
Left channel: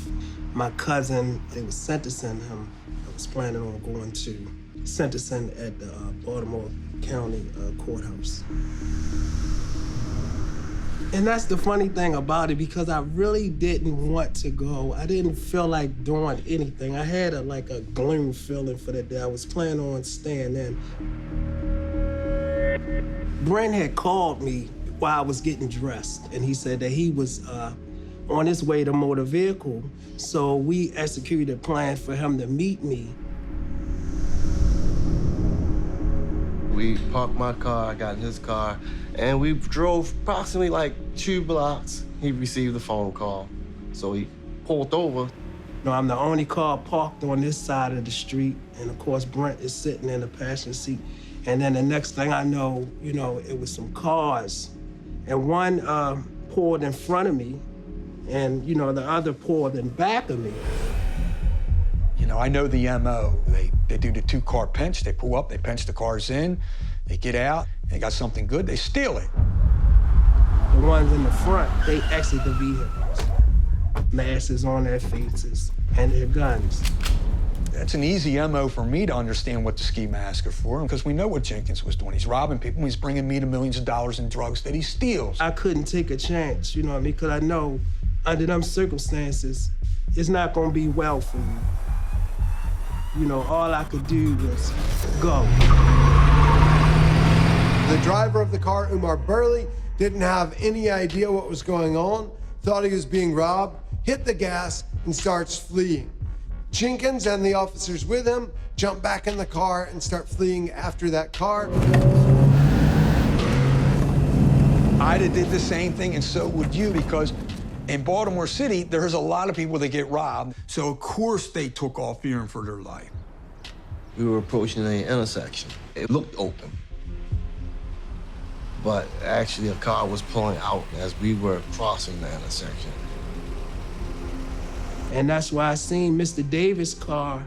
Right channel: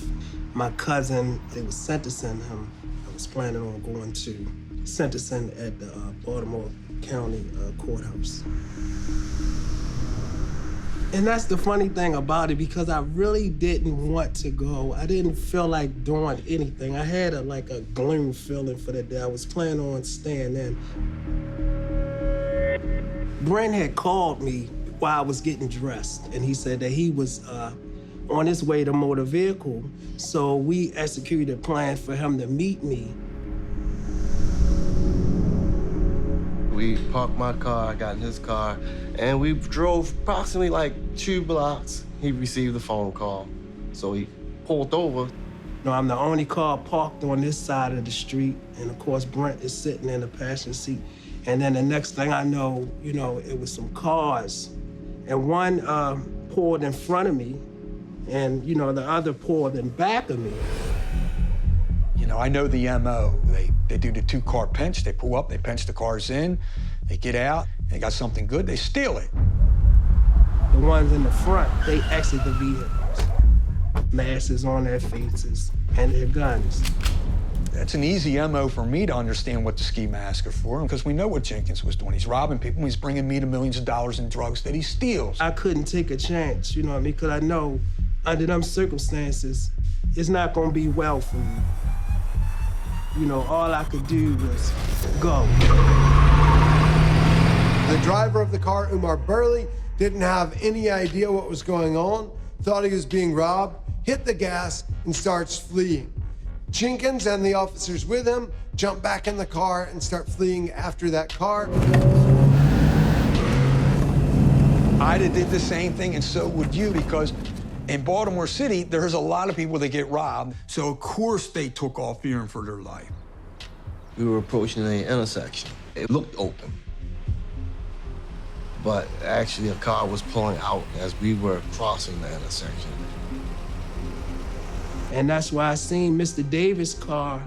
my cousin. They was sentencing him. I was planning on going to sentencing at the Baltimore County courthouse. And that's the funny thing about it, because I really didn't want to go. I didn't feel like doing anything. I had a gloom feeling for the day. I was planning on staying in. Brent had called me while I was getting dressed, and he said that he was on his way to motor vehicle. So we executed a plan for him to meet me. We parked my car, I got in his car, and we drove approximately 2 blocks. He received a phone call, so he pulled over. I'm the only car parked on this side of the street, and of course Brent is sitting in the passenger seat. And then the next thing I know, it was some cars, and one pulled in front of me, and the other pulled in back of me. I know the MO. They do the 2-car pinch. They pull up, they pinch the cars in, they get out, they got something good, they steal it. The ones in the front, they exit the vehicles. masks on their faces, and their guns. That's an easy MO for me to understand what the ski masks are for, because we know what Jenkins was doing. He's robbing people, he's bringing me to millions of dollars in drugs that he steals. I couldn't take a chance, you know what I mean? Because I know under them circumstances, it's not gonna be well for you. You know, all I could do was go. The driver of the car, Umar Burley, didn't have any idea what was going on, thought he was being robbed, hit the gas, and starts fleeing. Jenkins and the officers with him jump back in the car and start fleeing after that car. I'd have did the same thing, and so would you, because in Baltimore City, there's a lot of people that get robbed, so of course they took off fearing for their life. We were approaching an intersection. It looked open, but actually a car was pulling out as we were crossing the intersection. And that's why I seen Mr. Davis' car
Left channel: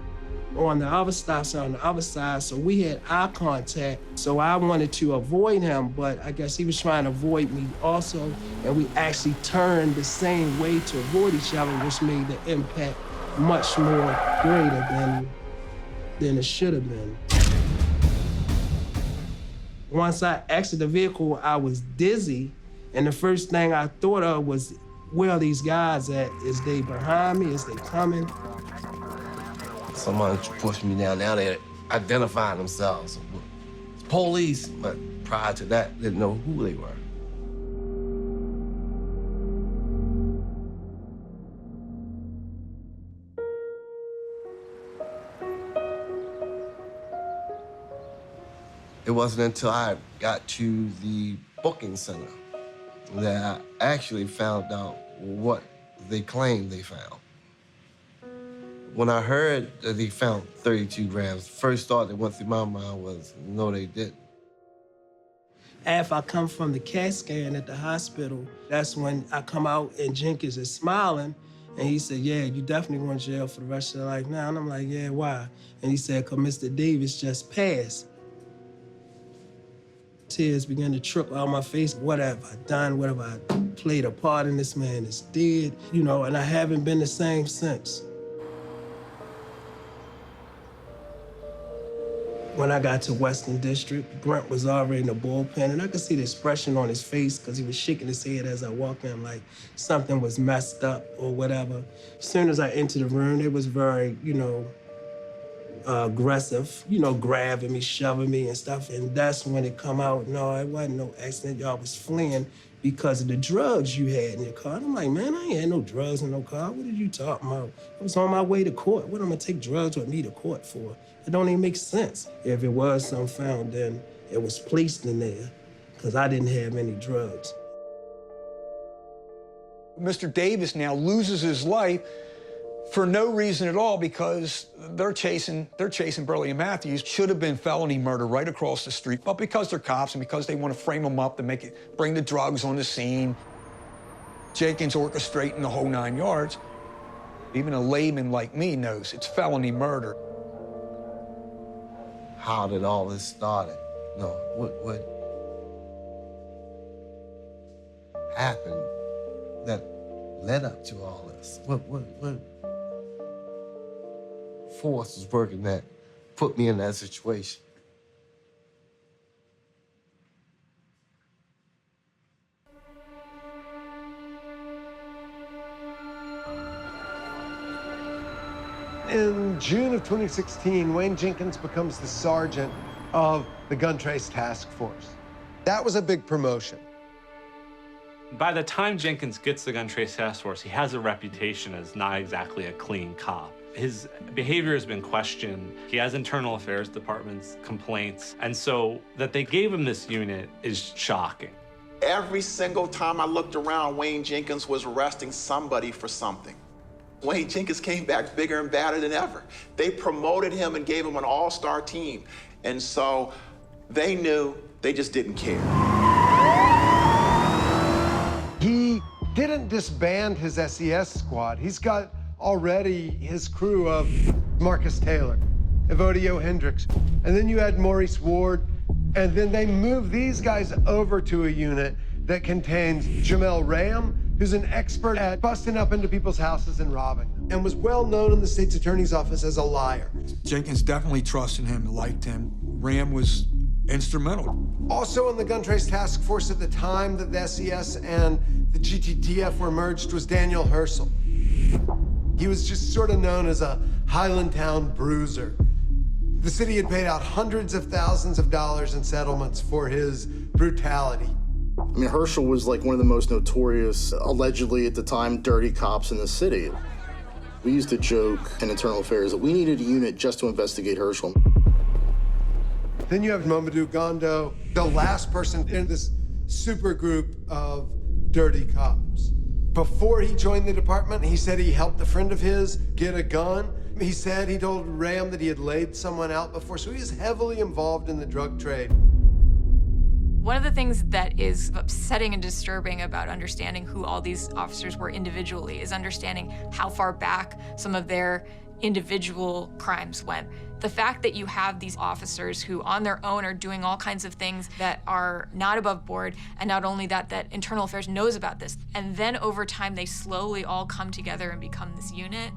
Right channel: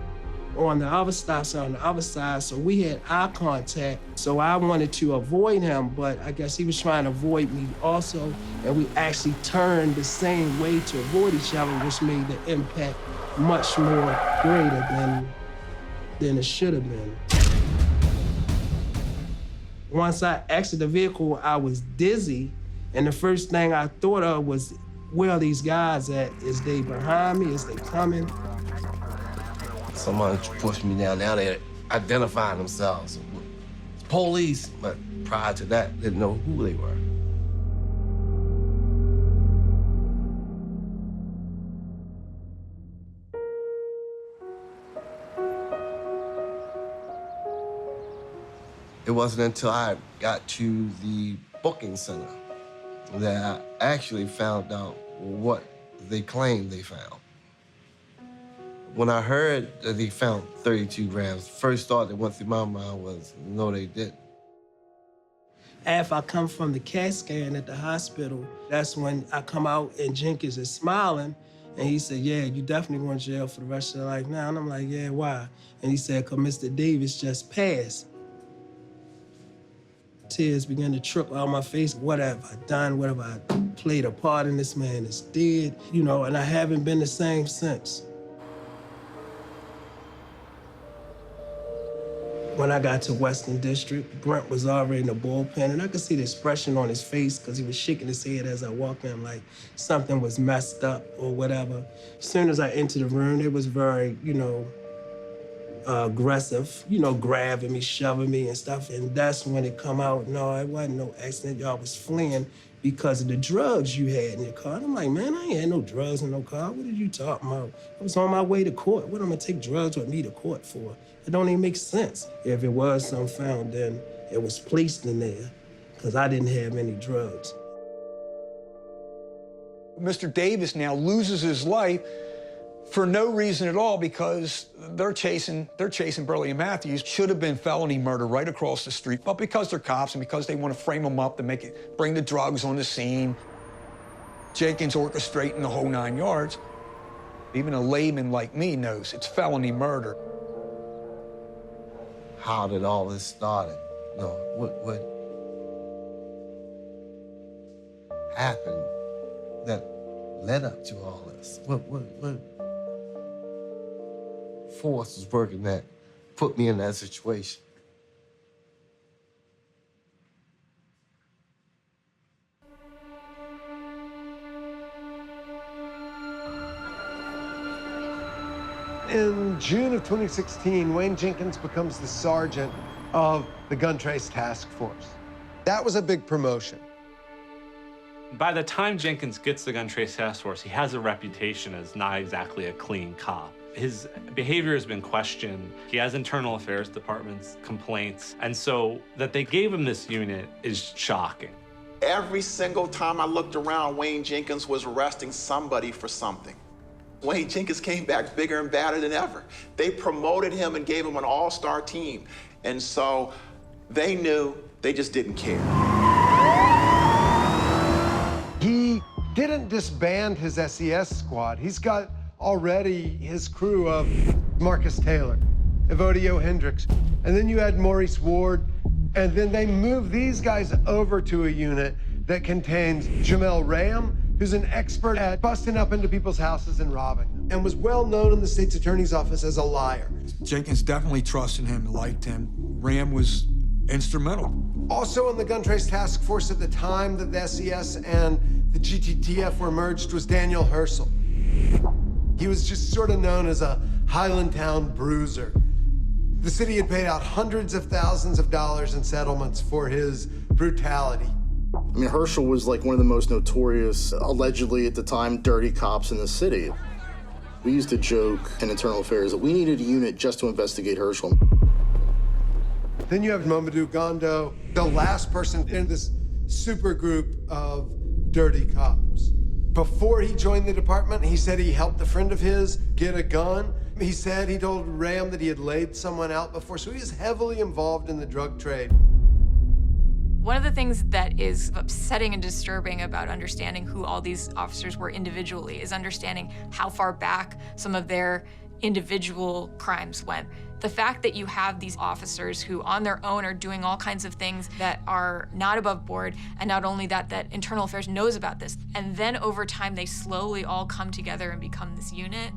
on the other stop sign on the other side, so we had eye contact. So I wanted to avoid him, but I guess he was trying to avoid me also. And we actually turned the same way to avoid each other, which made the impact much more greater than it should have been. Once I exited the vehicle, I was dizzy, and the first thing I thought of was, where are these guys at? Is they behind me? Is they coming? Somebody pushed me down. Now they identified themselves. Police, but prior to that, didn't know who they were. It wasn't until I got to the booking center that I actually found out what they claimed they found. When I heard that they found 32 grams, the first thought that went through my mind was, no, they didn't. After I come from the CAT scan at the hospital, that's when I come out and Jenkins is smiling, and he said, yeah, you definitely going to jail for the rest of your life now. And I'm like, yeah, why? And he said, because Mr. Davis just passed. Tears began to trickle out my face. What have I done? What have I played a part in? This man is dead, you know, and I haven't been the same since. When I got to Western District, Brent was already in the bullpen, and I could see the expression on his face because he was shaking his head as I walked in, like something was messed up or whatever. As soon as I entered the room, it was very, you know, aggressive, you know, grabbing me, shoving me and stuff. And that's when it come out, no, it wasn't no accident. Y'all was fleeing because of the drugs you had in your car. And I'm like, man, I ain't had no drugs in no car. What are you talking about? I was on my way to court. What am I gonna take drugs with me to court for? It don't even make sense. If it was something found, then it was placed in there because I didn't have any drugs. Mr. Davis now loses his life for no reason at all, because they're chasing Burley and Matthews. Should have been felony murder right across the street, but because they're cops and because they want to frame them up to bring the drugs on the scene, Jenkins orchestrating the whole 9 yards. Even a layman like me knows it's felony murder. How did all this start? No, what happened that led up to all this? What force was working that put me in that situation? In June of 2016, Wayne Jenkins becomes the sergeant of the Gun Trace Task Force. That was a big promotion. By the time Jenkins gets the Gun Trace Task Force, he has a reputation as not exactly a clean cop. His behavior has been questioned. He has internal affairs department's complaints. And so that they gave him this unit is shocking. Every single time I looked around, Wayne Jenkins was arresting somebody for something. Wayne Jenkins came back bigger and badder than ever. They promoted him and gave him an all-star team. And so they knew, they just didn't care. He didn't disband his SES squad. He's got already his crew of Marcus Taylor, Evodio Hendricks, and then you had Maurice Ward, and then they moved these guys over to a unit that contains Jamel Ram, who's an expert at busting up into people's houses and robbing them, and was well known in the state's attorney's office as a liar. Jenkins definitely trusted him, liked him. Ram was instrumental. Also on the gun trace task force at the time that the SES and the GTTF were merged was Daniel Herschel. He was just sort of known as a Highland Town bruiser. The city had paid out hundreds of thousands of dollars in settlements for his brutality. I mean, Herschel was like one of the most notorious, allegedly at the time, dirty cops in the city. We used to joke in Internal Affairs that we needed a unit just to investigate Herschel. Then you have Mamadou Gondo, the last person in this super group of dirty cops. Before he joined the department, he said he helped a friend of his get a gun. He said he told Ram that he had laid someone out before, so he is heavily involved in the drug trade. One of the things that is upsetting and disturbing about understanding who all these officers were individually is understanding how far back some of their individual crimes went. The fact that you have these officers who on their own are doing all kinds of things that are not above board, and not only that, that Internal Affairs knows about this, and then over time they slowly all come together and become this unit.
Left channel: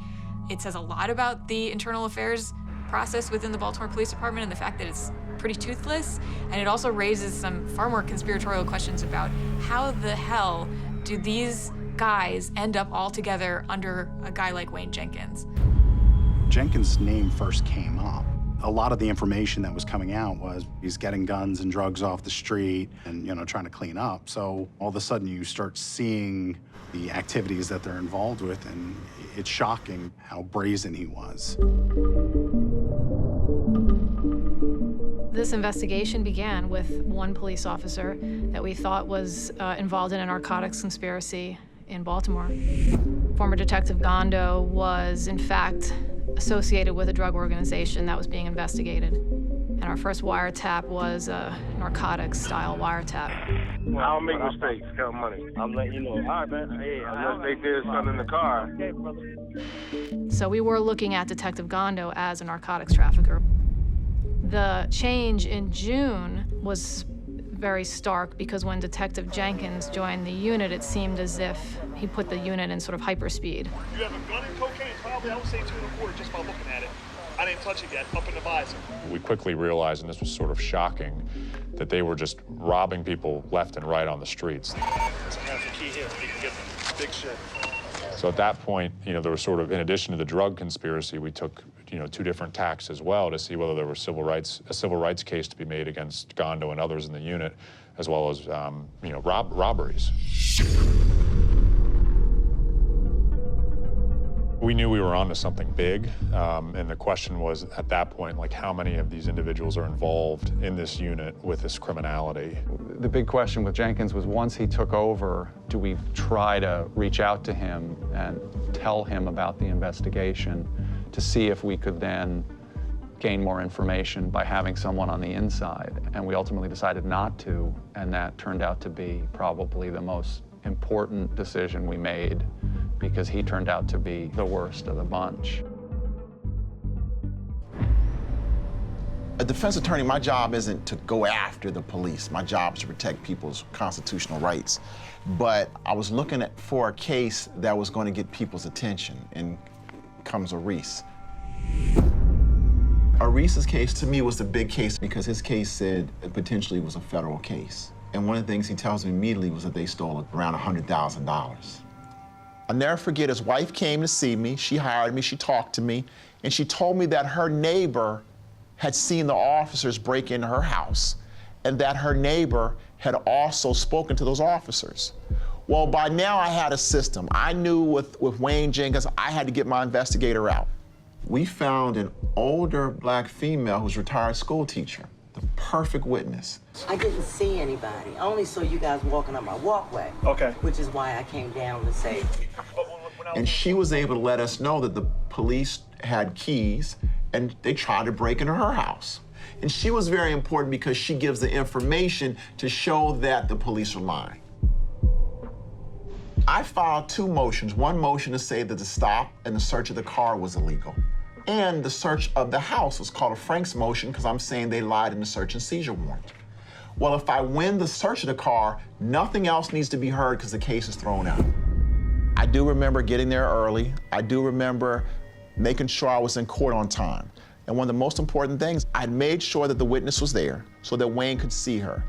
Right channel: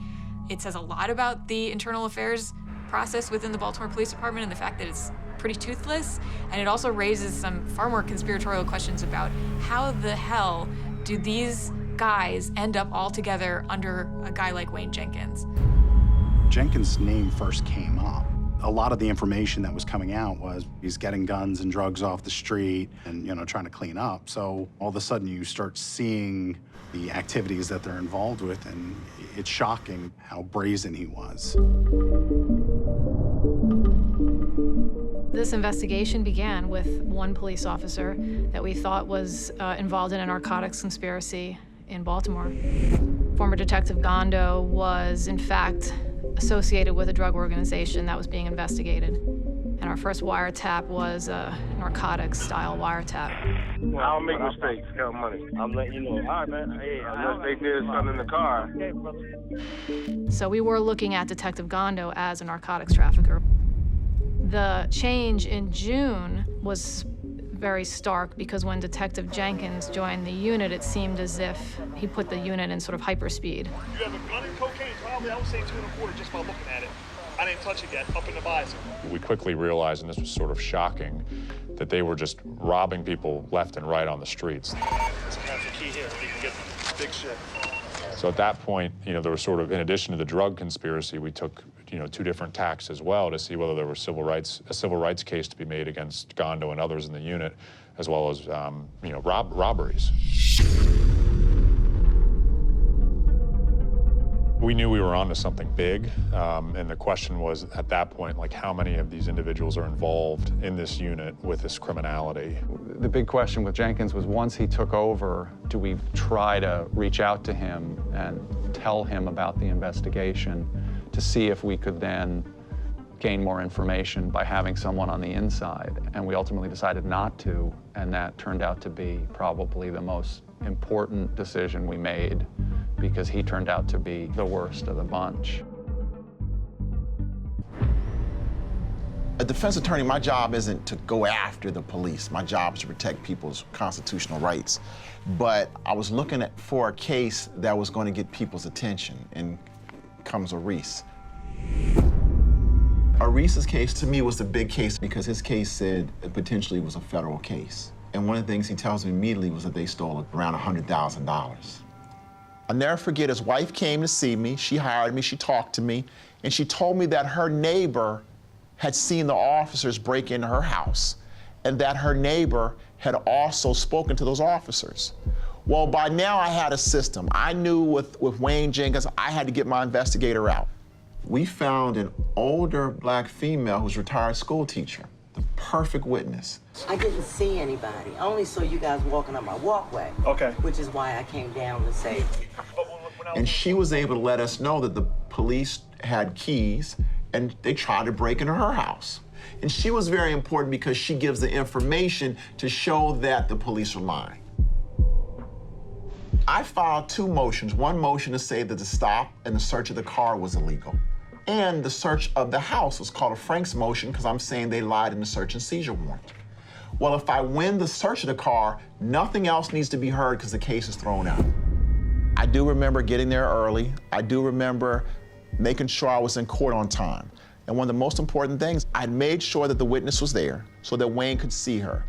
It says a lot about the Internal Affairs process within the Baltimore Police Department and the fact that it's pretty toothless, and it also raises some far more conspiratorial questions about how the hell do these guys end up all together under a guy like Wayne Jenkins. Jenkins' name first came up. A lot of the information that was coming out was he's getting guns and drugs off the street and, trying to clean up. So all of a sudden you start seeing the activities that they're involved with, and it's shocking how brazen he was. This investigation began with one police officer that we thought was involved in a narcotics conspiracy in Baltimore. Former Detective Gondo was, in fact, associated with a drug organization that was being investigated. And our first wiretap was a narcotics-style wiretap. I don't make mistakes, count money. I'm letting you know. All right, man. Hey, unless they did something in the car. Okay, brother. So we were looking at Detective Gondo as a narcotics trafficker. The change in June was very stark because when Detective Jenkins joined the unit, it seemed as if he put the unit in sort of hyperspeed. You have a gun and cocaine? I don't say 2 and 4 just by looking at it. I didn't touch it yet, up in the visor. We quickly realized, and this was sort of shocking, that they were just robbing people left and right on the streets. Sometimes the key here is you can get some big shit. So at that point, there was sort of, in addition to the drug conspiracy, we took, 2 different tacks as well to see whether there was a civil rights case to be made against Gondo and others in the unit, as well as, robberies. We knew we were onto something big, and the question was, at that point, how many of these individuals are involved in this unit with this criminality? The big question with Jenkins was, once he took over, do we try to reach out to him and tell him about the investigation to see if we could then gain more information by having someone on the inside? And we ultimately decided not to, and that turned out to be probably the most important decision we made, because he turned out to be the worst of the bunch. A defense attorney, my job isn't to go after the police. My job is to protect people's constitutional rights. But I was looking for a case that was going to get people's attention, and comes Oris. Oris's case to me was the big case because his case said it potentially was a federal case. And one of the things he tells me immediately was that they stole around $100,000. I'll never forget, his wife came to see me, she hired me, she talked to me, and she told me that her neighbor had seen the officers break into her house, and that her neighbor had also spoken to those officers. Well, by now I had a system. I knew with Wayne Jenkins, I had to get my investigator out. We found an older black female who's a retired school teacher, the perfect witness. I didn't see anybody. I only saw you guys walking on my walkway. Okay. Which is why I came down to say. And she was able to let us know that the police had keys and they tried to break into her house. And she was very important because she gives the information to show that the police are lying. I filed 2 motions. One motion to say that the stop and the search of the car was illegal. And the search of the house was called a Frank's motion because I'm saying they lied in the search and seizure warrant. Well, if I win the search of the car, nothing else needs to be heard because the case is thrown out. I do remember getting there early. I do remember making sure I was in court on time. And one of the most important things, I made sure that the witness was there so that Wayne could see her.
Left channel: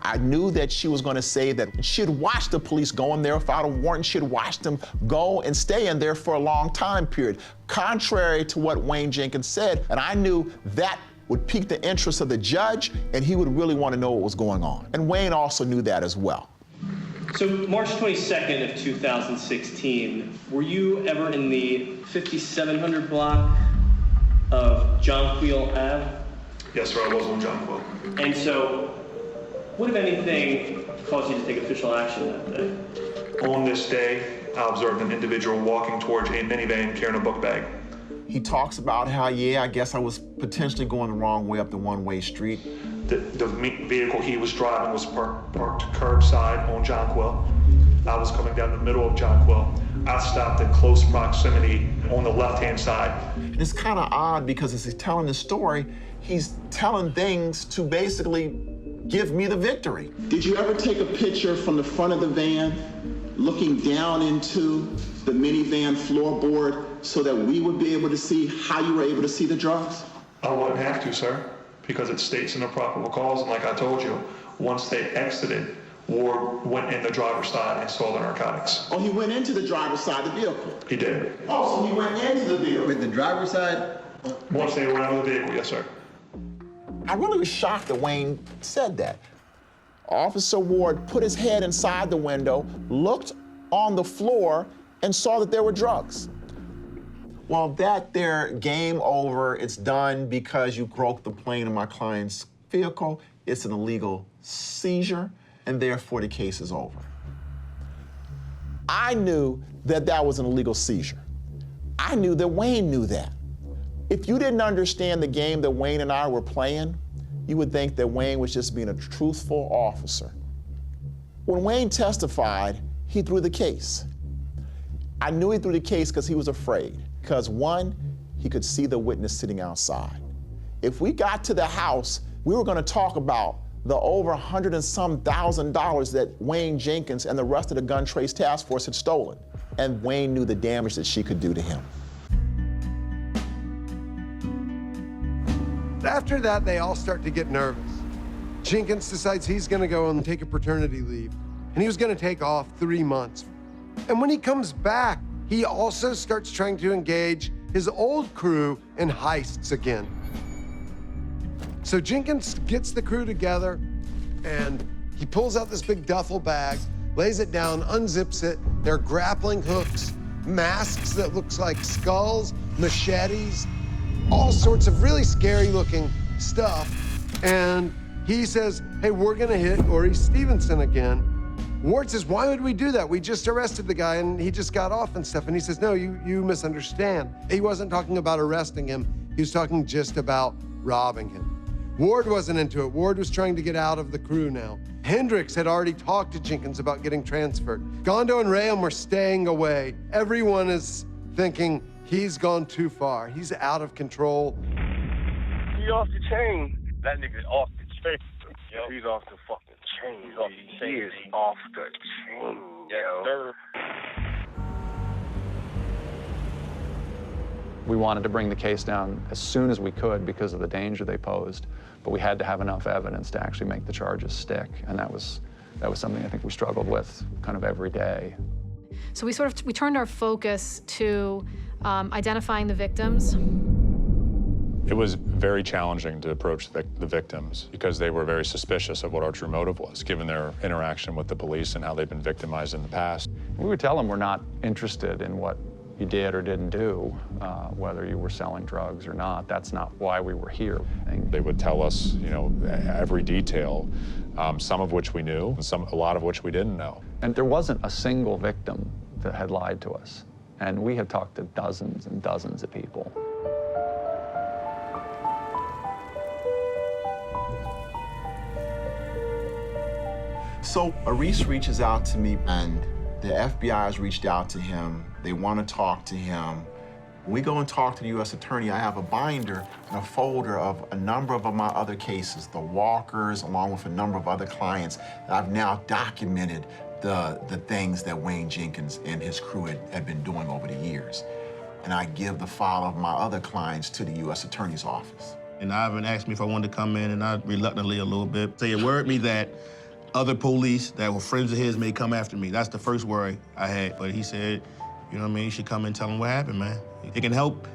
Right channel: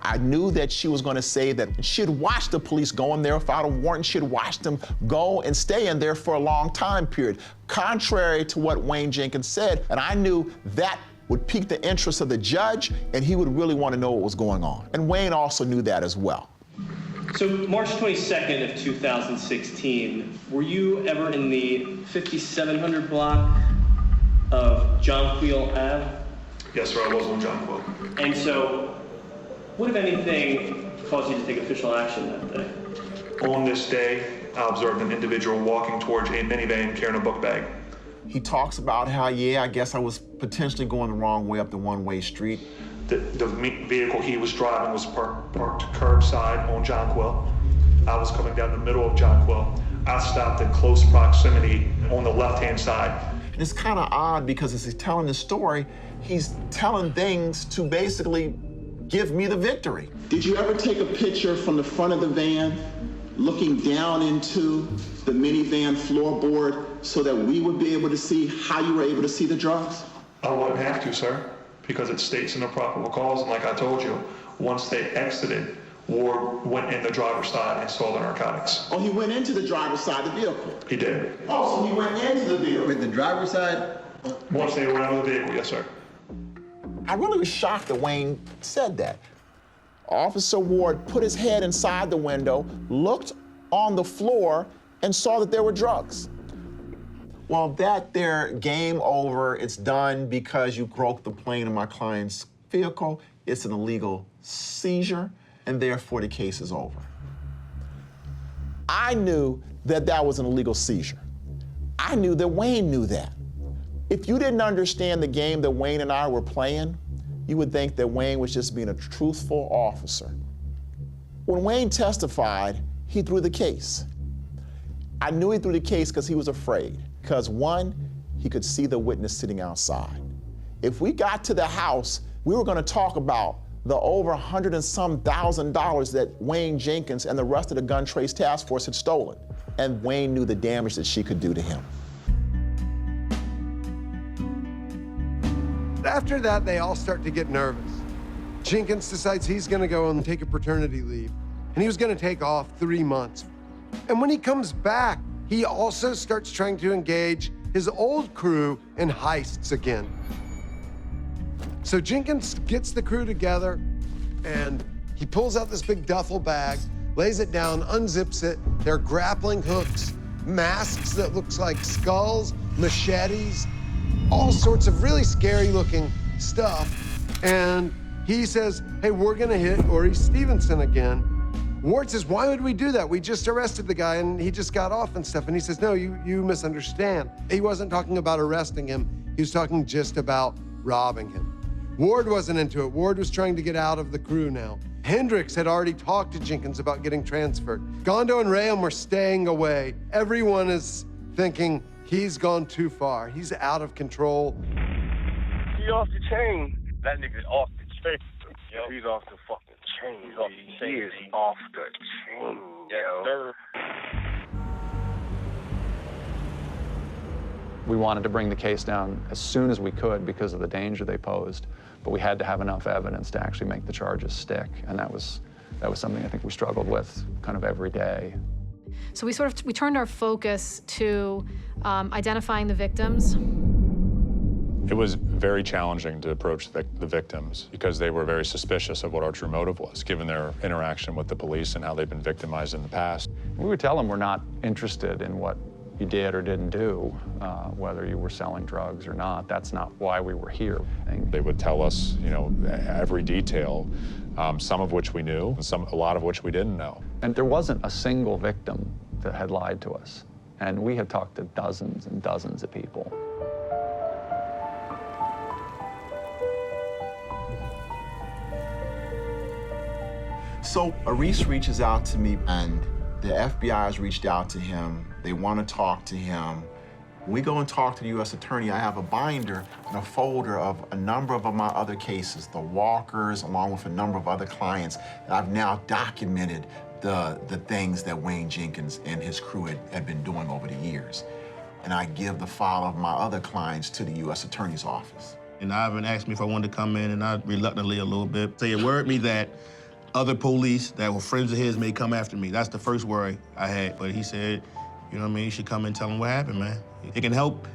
I knew that she was going to say that she had watched the police go in there without a warrant. She had watched them go and stay in there for a long time period, contrary to what Wayne Jenkins said. And I knew that would pique the interest of the judge, and he would really want to know what was going on. And Wayne also knew that as well. So March 22nd of 2016, were you ever in the 5700 block of Jonquil Ave? Yes, sir, I was on Jonquil. And so, what, if anything, caused you to take official action that day? On this day, I observed an individual walking towards a minivan carrying a book bag. He talks about how, yeah, I guess I was potentially going the wrong way up the one-way street. The vehicle he was driving was parked curbside on Jonquil. I was coming down the middle of Jonquil. I stopped in close proximity on the left-hand side. And it's kind of odd because as he's telling the story, he's telling things to basically give me the victory. Did you ever take a picture from the front of the van, looking down into the minivan floorboard so that we would be able to see how you were able to see the drugs? I wouldn't have to, sir, because it states in the probable cause, and like I told you, once they exited, Ward went in the driver's side and saw the narcotics. Oh, he went into the driver's side of the vehicle? He did. Oh, so he went into the vehicle? With the driver's side? Once they were out of the vehicle, yes, sir. I really was shocked that Wayne said that. Officer Ward put his head inside the window, looked on the floor, and saw that there were drugs. Well, that there, game over, it's done because you broke the plane in my client's vehicle. It's an illegal seizure, and therefore the case is over. I knew that that was an illegal seizure. I knew that Wayne knew that. If you didn't understand the game that Wayne and I were playing, you would think that Wayne was just being a truthful officer. When Wayne testified, he threw the case. I knew he threw the case because he was afraid. Because one, he could see the witness sitting outside. If we got to the house, we were going to talk about the over $100,000 and some that Wayne Jenkins and the rest of the gun trace task force had stolen. And Wayne knew the damage that she could do to him. After that, they all start to get nervous. Jenkins decides he's going to go and take a paternity leave, and he was going to take off 3 months. And when he comes back, he also starts trying to engage his old crew in heists again. So Jenkins gets the crew together, and he pulls out this big duffel bag, lays it down, unzips it. There are grappling hooks, masks that looks like skulls, machetes, all sorts of really scary looking stuff. And he says, hey, we're gonna hit Oris Stevenson again. Ward says, why would we do that? We just arrested the guy and he just got off and stuff. And he says, no, you misunderstand. He wasn't talking about arresting him. He was talking just about robbing him. Ward wasn't into it. Ward was trying to get out of the crew now. Hendricks had already talked to Jenkins about getting transferred. Gondo and Rayam were staying away. Everyone is thinking he's gone too far. He's out of control. He off the chain. That nigga off the chain. Yo, he's off the fucking chain. He's off the chain. He is off the chain. Yes, sir. We wanted to bring the case down as soon as we could because of the danger they posed, but we had to have enough evidence to actually make the charges stick, and that was something I think we struggled with kind of every day. So we turned our focus to identifying the victims. It was very challenging to approach the victims because they were very suspicious of what our true motive was, given their interaction with the police and how they've been victimized in the past. We would tell them we're not interested in what you did or didn't do, whether you were selling drugs or not. That's not why we were here. And they would tell us, you know, every detail, some of which we knew, and a lot of which we didn't know. And there wasn't a single victim that had lied to us. And we had talked to dozens and dozens of people. So Oris reaches out to me, and the FBI has reached out to him. They want to talk to him. When we go and talk to the U.S. Attorney, I have a binder and a folder of a number of my other cases, the Walkers, along with a number of other clients that I've now documented the things that Wayne Jenkins and his crew had been doing over the years. And I give the file of my other clients to the U.S. Attorney's Office. And Ivan asked me if I wanted to come in, and I reluctantly a little bit. They worried me that other police that were friends of his may come after me. That's the first worry I had. But he said, you know what I mean, you should come and tell them what happened, man. It can help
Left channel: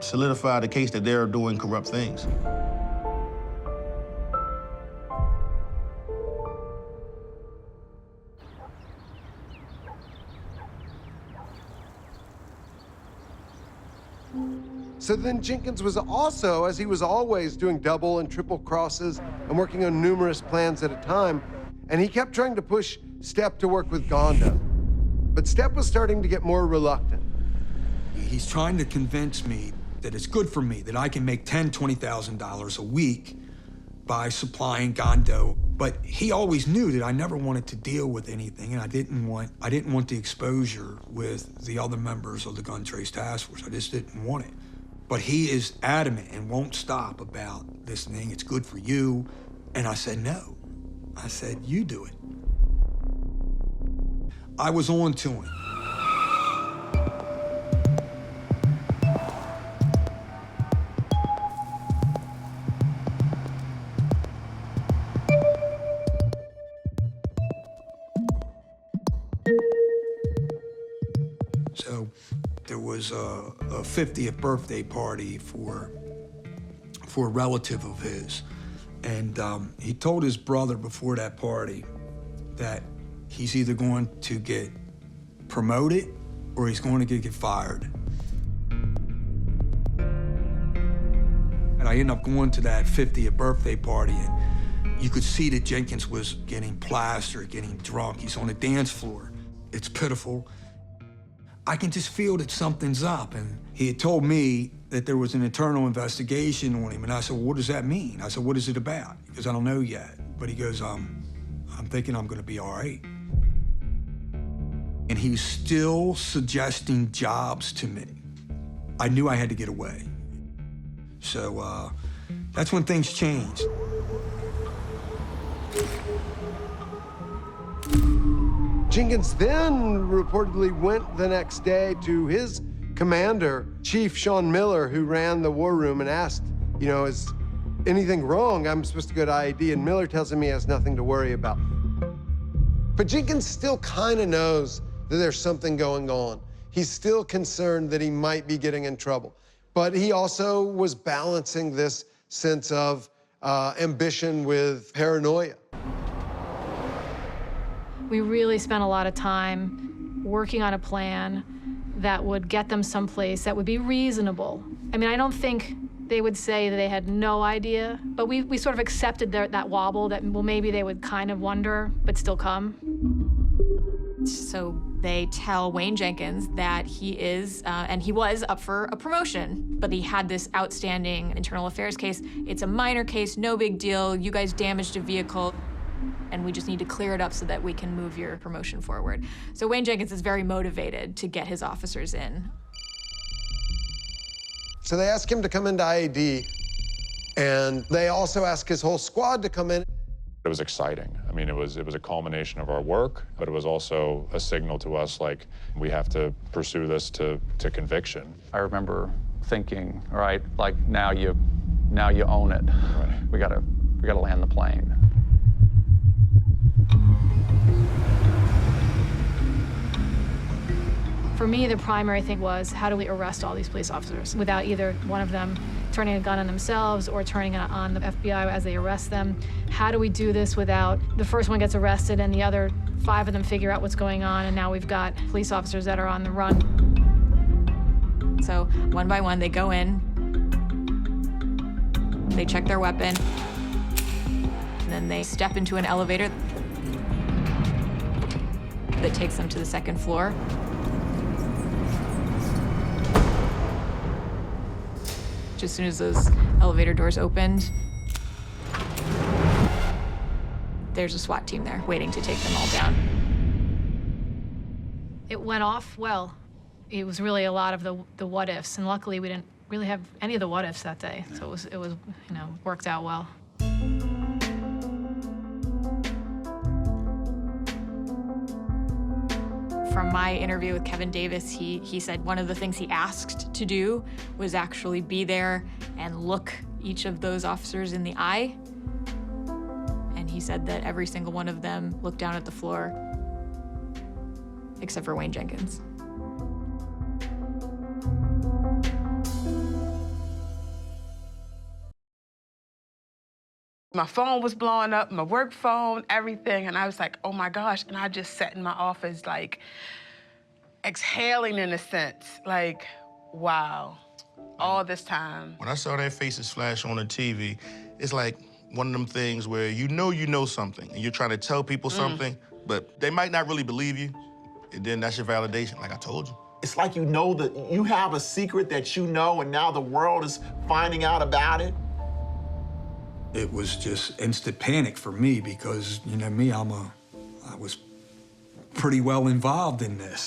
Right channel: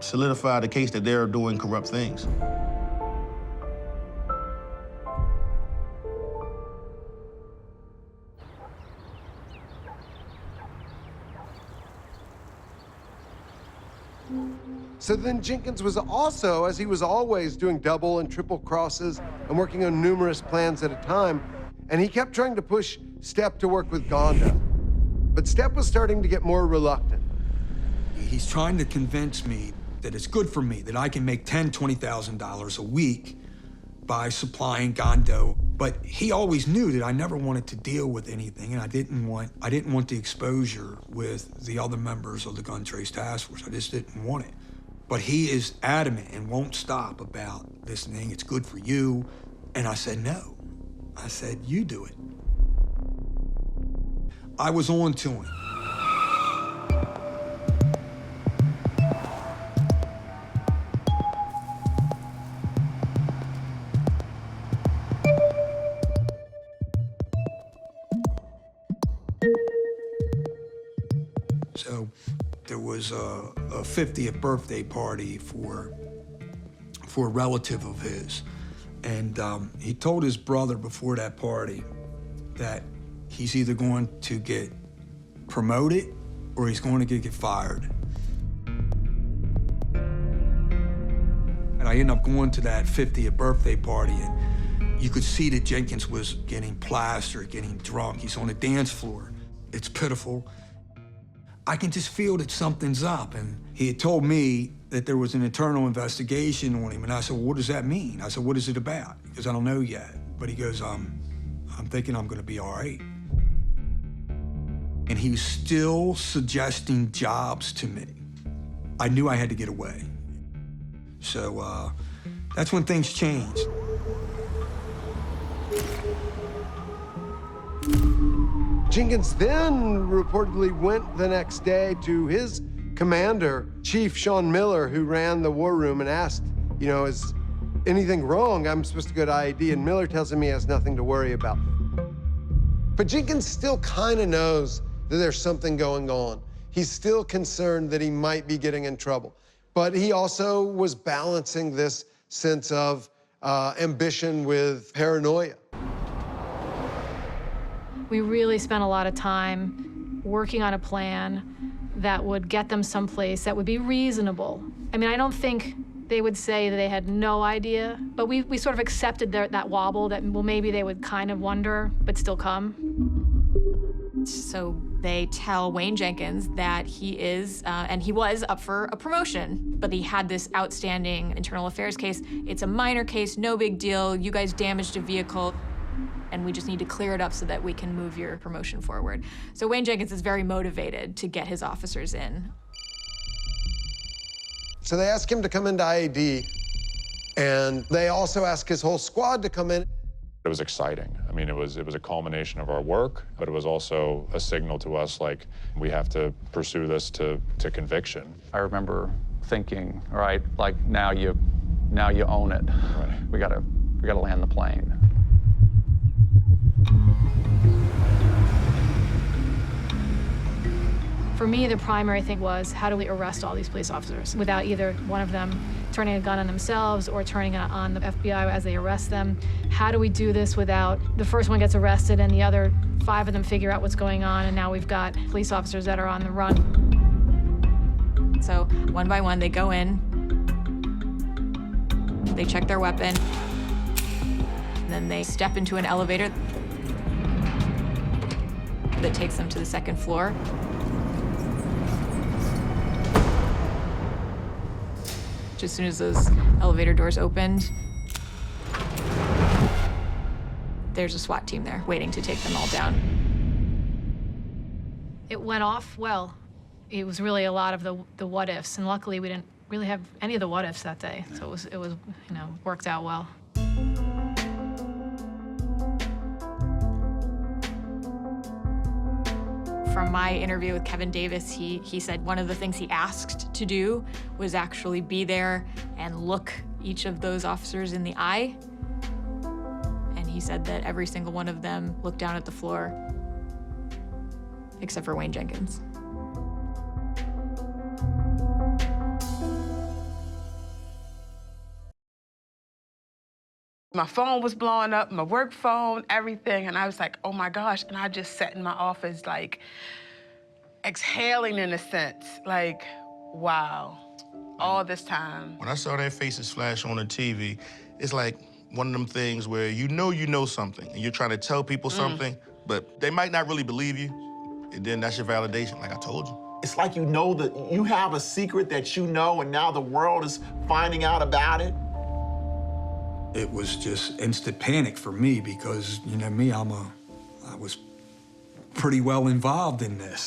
solidify the case that they're doing corrupt things. So then Jenkins was also, as he was always, doing double and triple crosses and working on numerous plans at a time, and he kept trying to push Stepp to work with Gondo. But Stepp was starting to get more reluctant. He's trying to convince me that it's good for me, that I can make $10,000, $20,000 a week by supplying Gondo. But he always knew that I never wanted to deal with anything, and I didn't want the exposure with the other members of the Gun Trace Task Force. I just didn't want it. But he is adamant and won't stop about this thing. It's good for you. And I said, no. I said, you do it. I was on to him. So there was a 50th birthday party for a relative of his. And he told his brother before that party that he's either going to get promoted or he's going to get fired. And I ended up going to that 50th birthday party, and you could see that Jenkins was getting plastered, getting drunk. He's on the dance floor. It's pitiful. I can just feel that something's up. And he had told me that there was an internal investigation on him. And I said, well, what does that mean? I said, what is it about? Because I don't know yet. But he goes, I'm thinking I'm gonna be all right. And he's still suggesting jobs to me. I knew I had to get away. So that's when things changed. Jenkins then reportedly went the next day to his commander, Chief Sean Miller, who ran the war room, and asked, you know, is anything wrong? I'm supposed to go to IED, and Miller tells him he has nothing to worry about. But Jenkins still kind of knows that there's something going on. He's still concerned that he might be getting in trouble. But he also was balancing this sense of ambition with paranoia. We really spent a lot of time working on a plan that would get them someplace that would be reasonable. I mean, I don't think they would say that they had no idea, but we sort of accepted that wobble that, well, maybe they would kind of wonder, but still come. So they tell Wayne Jenkins that he is, and he was up for a promotion, but he had this outstanding internal affairs case. It's a minor case, no big deal. You guys damaged a vehicle, and we just need to clear it up so that we can move your promotion forward. So Wayne Jenkins is very motivated to get his officers in. So they ask him to come into IED, and they also ask his whole squad to come in. It was exciting. I mean, it was a culmination of our work, but it was also a signal to us, like, we have to pursue this to conviction. I remember thinking, all right, like, now you own it. Right. We gotta land the plane. For me, the primary thing was, how do we arrest all these police officers without either one of them turning a gun on themselves or turning it on the FBI as they arrest them? How do we do this without the first one gets arrested and the other 5 of them figure out what's going on, and now we've got police officers that are on the run? So one by one, they go in, they check their weapon, and then they step into an elevator that takes them to the 2nd floor. As soon as those elevator doors opened, there's a SWAT team there waiting to take them all down. It went off well. It was really a lot of the what ifs, and luckily we didn't really have any of the what ifs that day. So it was worked out well. From my interview with Kevin Davis, he said one of the things he asked to do was actually be there and look each of those officers in the eye. And he said that every single one of them looked down at the floor, except for Wayne Jenkins. My phone was blowing up, my work phone, everything, and I was like, oh my gosh, and I just sat in my office like exhaling in a sense, like, wow, all this time. When I saw their faces flash on the TV, it's like one of them things where you know something, and you're trying to tell people something, but they might not really believe you, and then that's your validation, like I told you. It's like you know that you have a secret that you know, and now the world is finding out about it. It was just instant panic for me because, you know me, I was pretty well involved in this.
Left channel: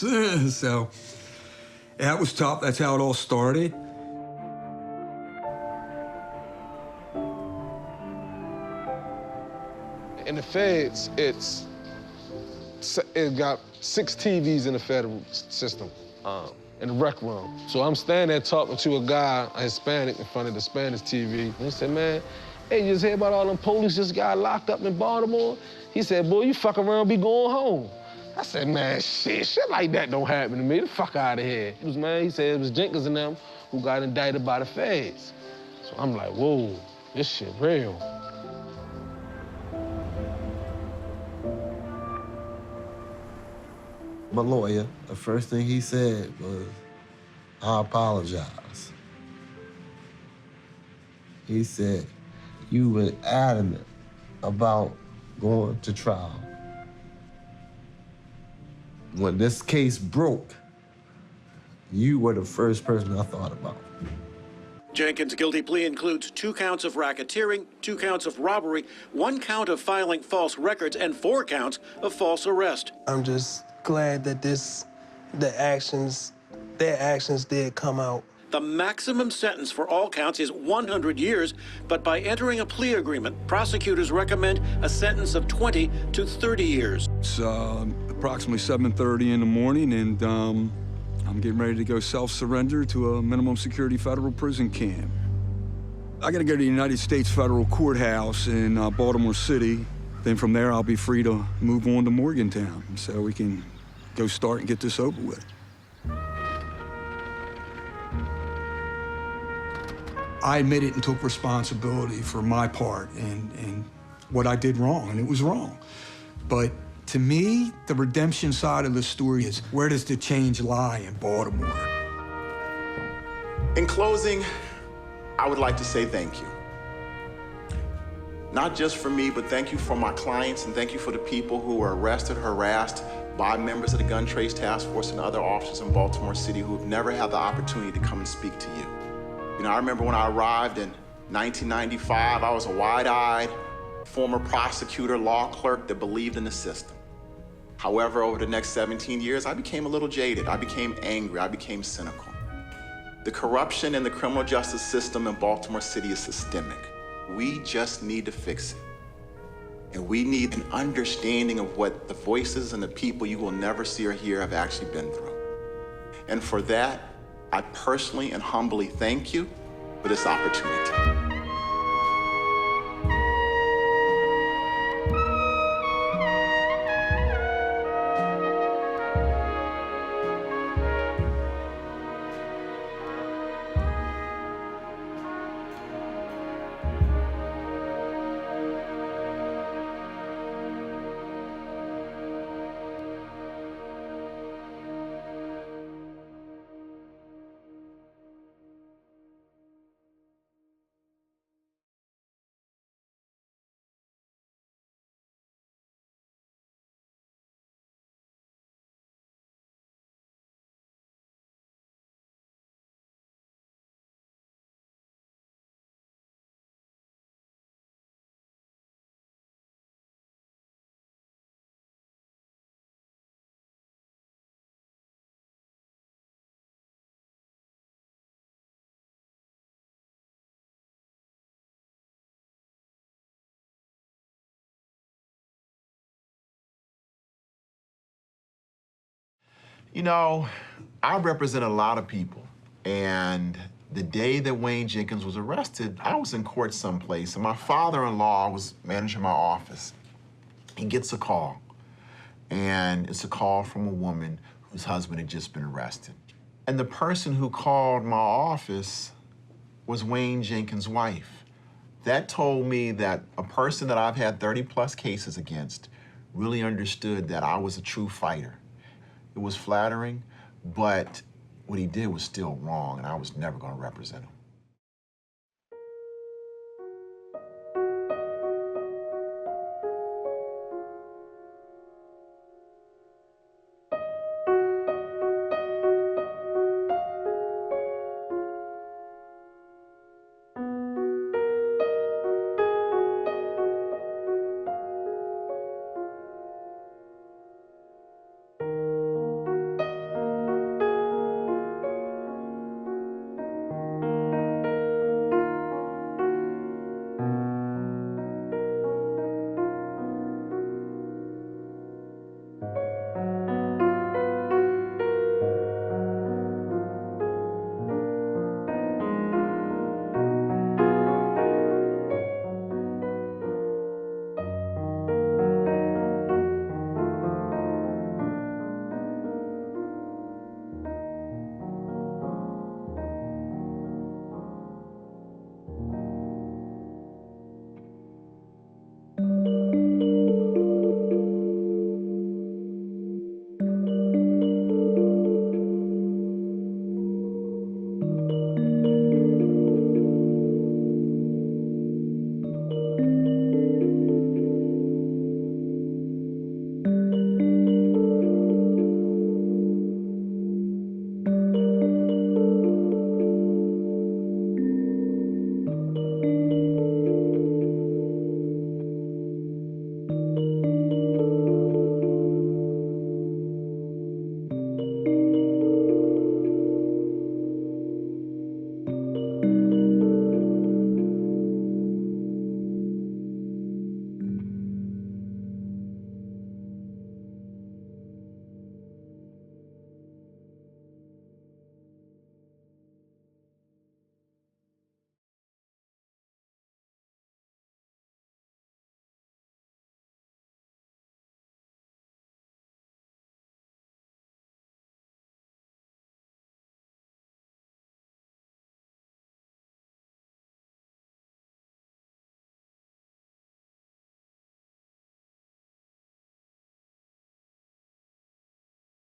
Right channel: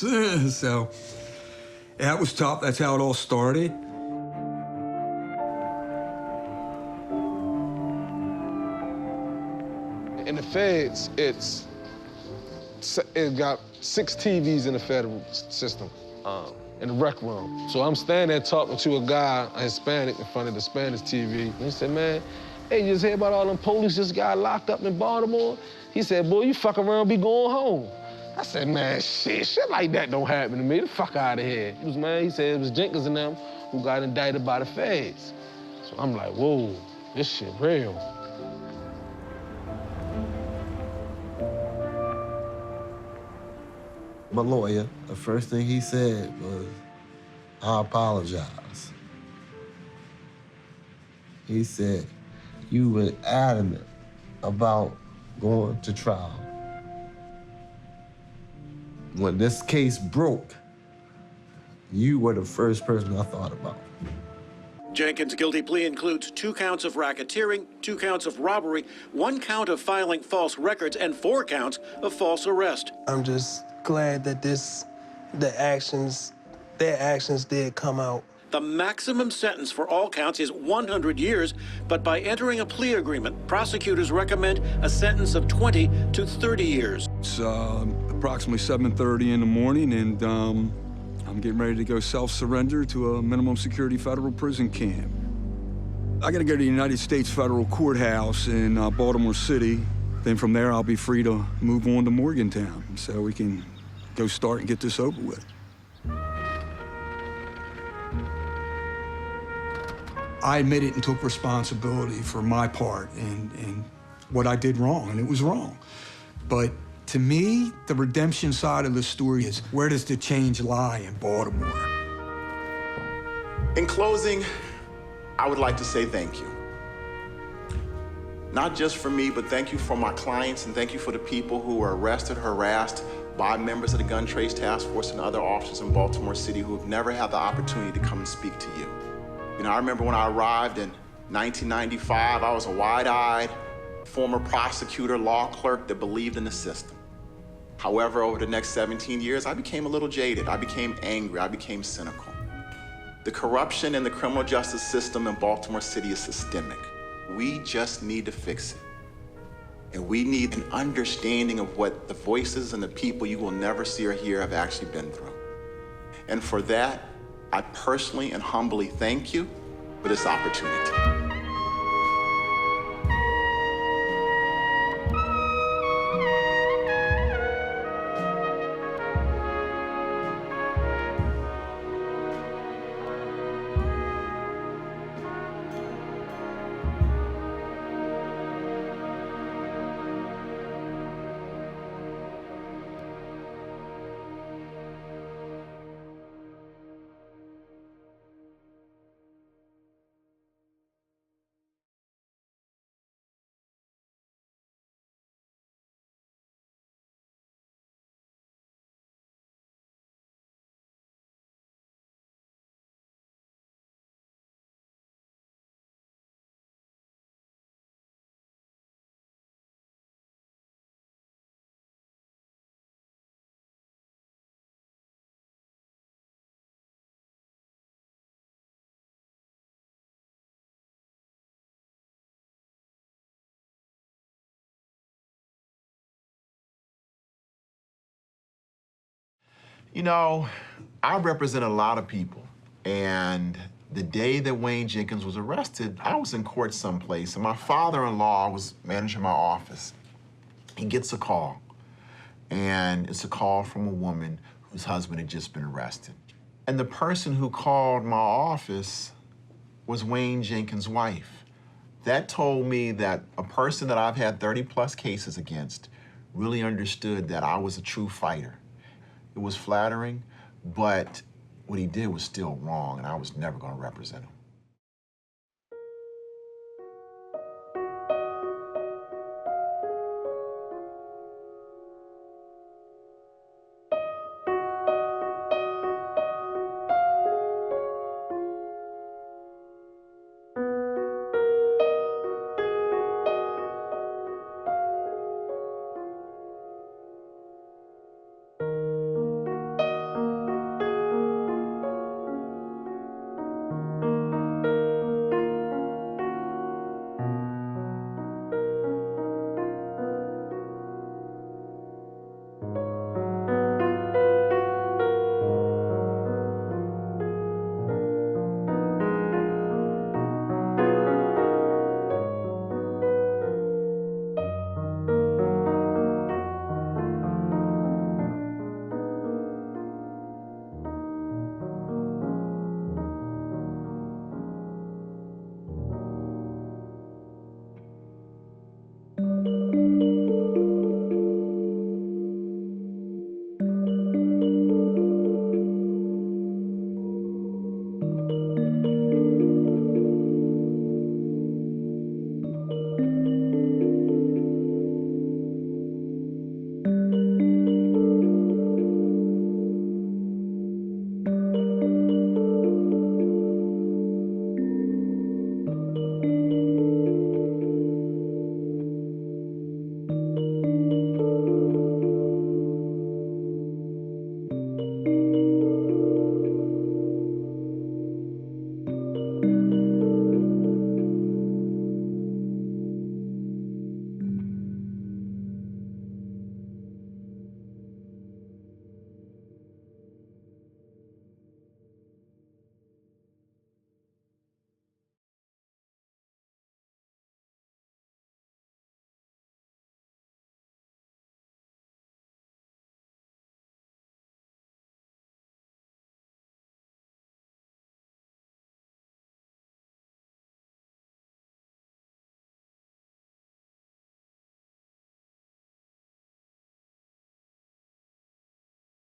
So that was tough. That's how it all started. In the feds, it got 6 TVs in the federal system, in the rec room. So I'm standing there talking to a guy, a Hispanic, in front of the Spanish TV. And he said, man, hey, you just hear about all them police just got locked up in Baltimore? He said, boy, you fuck around, be going home. I said, man, shit like that don't happen to me. Get the fuck out of here. He was, man, he said it was Jenkins and them who got indicted by the feds. So I'm like, whoa, this shit real. My lawyer, the first thing he said was, I apologize. He said, you were adamant about going to trial. When this case broke, you were the first person I thought about. Jenkins' guilty plea includes 2 counts of racketeering, 2 counts of robbery, 1 count of filing false records, and 4 counts of false arrest. I'm just glad that their actions did come out. The maximum sentence for all counts is 100 years, but by entering a plea agreement, prosecutors recommend a sentence of 20 to 30 years. It's approximately 7:30 in the morning, and I'm getting ready to go self-surrender to a minimum security federal prison camp. I gotta go to the United States Federal Courthouse in Baltimore City. Then from there, I'll be free to move on to Morgantown, so we can go start and get this over with. I admitted and took responsibility for my part in what I did wrong, and it was wrong. But to me, the redemption side of the story is, where does the change lie in Baltimore? In closing, I would like to say thank you. Not just for me, but thank you for my clients, and thank you for the people who were arrested, harassed by members of the Gun Trace Task Force and other officers in Baltimore City who have never had the opportunity to come and speak to you. You know, I remember when I arrived in 1995, I was a wide-eyed former prosecutor, law clerk that believed in the system. However, over the next 17 years, I became a little jaded. I became angry. I became cynical. The corruption in the criminal justice system in Baltimore City is systemic. We just need to fix it. And we need an understanding of what the voices and the people you will never see or hear have actually been through. And for that, I personally and humbly thank you for this opportunity. You know, I represent a lot of people, and the day that Wayne Jenkins was arrested, I was in court someplace, and my father-in-law was managing my office. He gets a call, and it's a call from a woman whose husband had just been arrested. And the person who called my office was Wayne Jenkins' wife. That told me that a person that I've had 30-plus cases against really understood that I was a true fighter. It was flattering, but what he did was still wrong, and I was never going to represent him.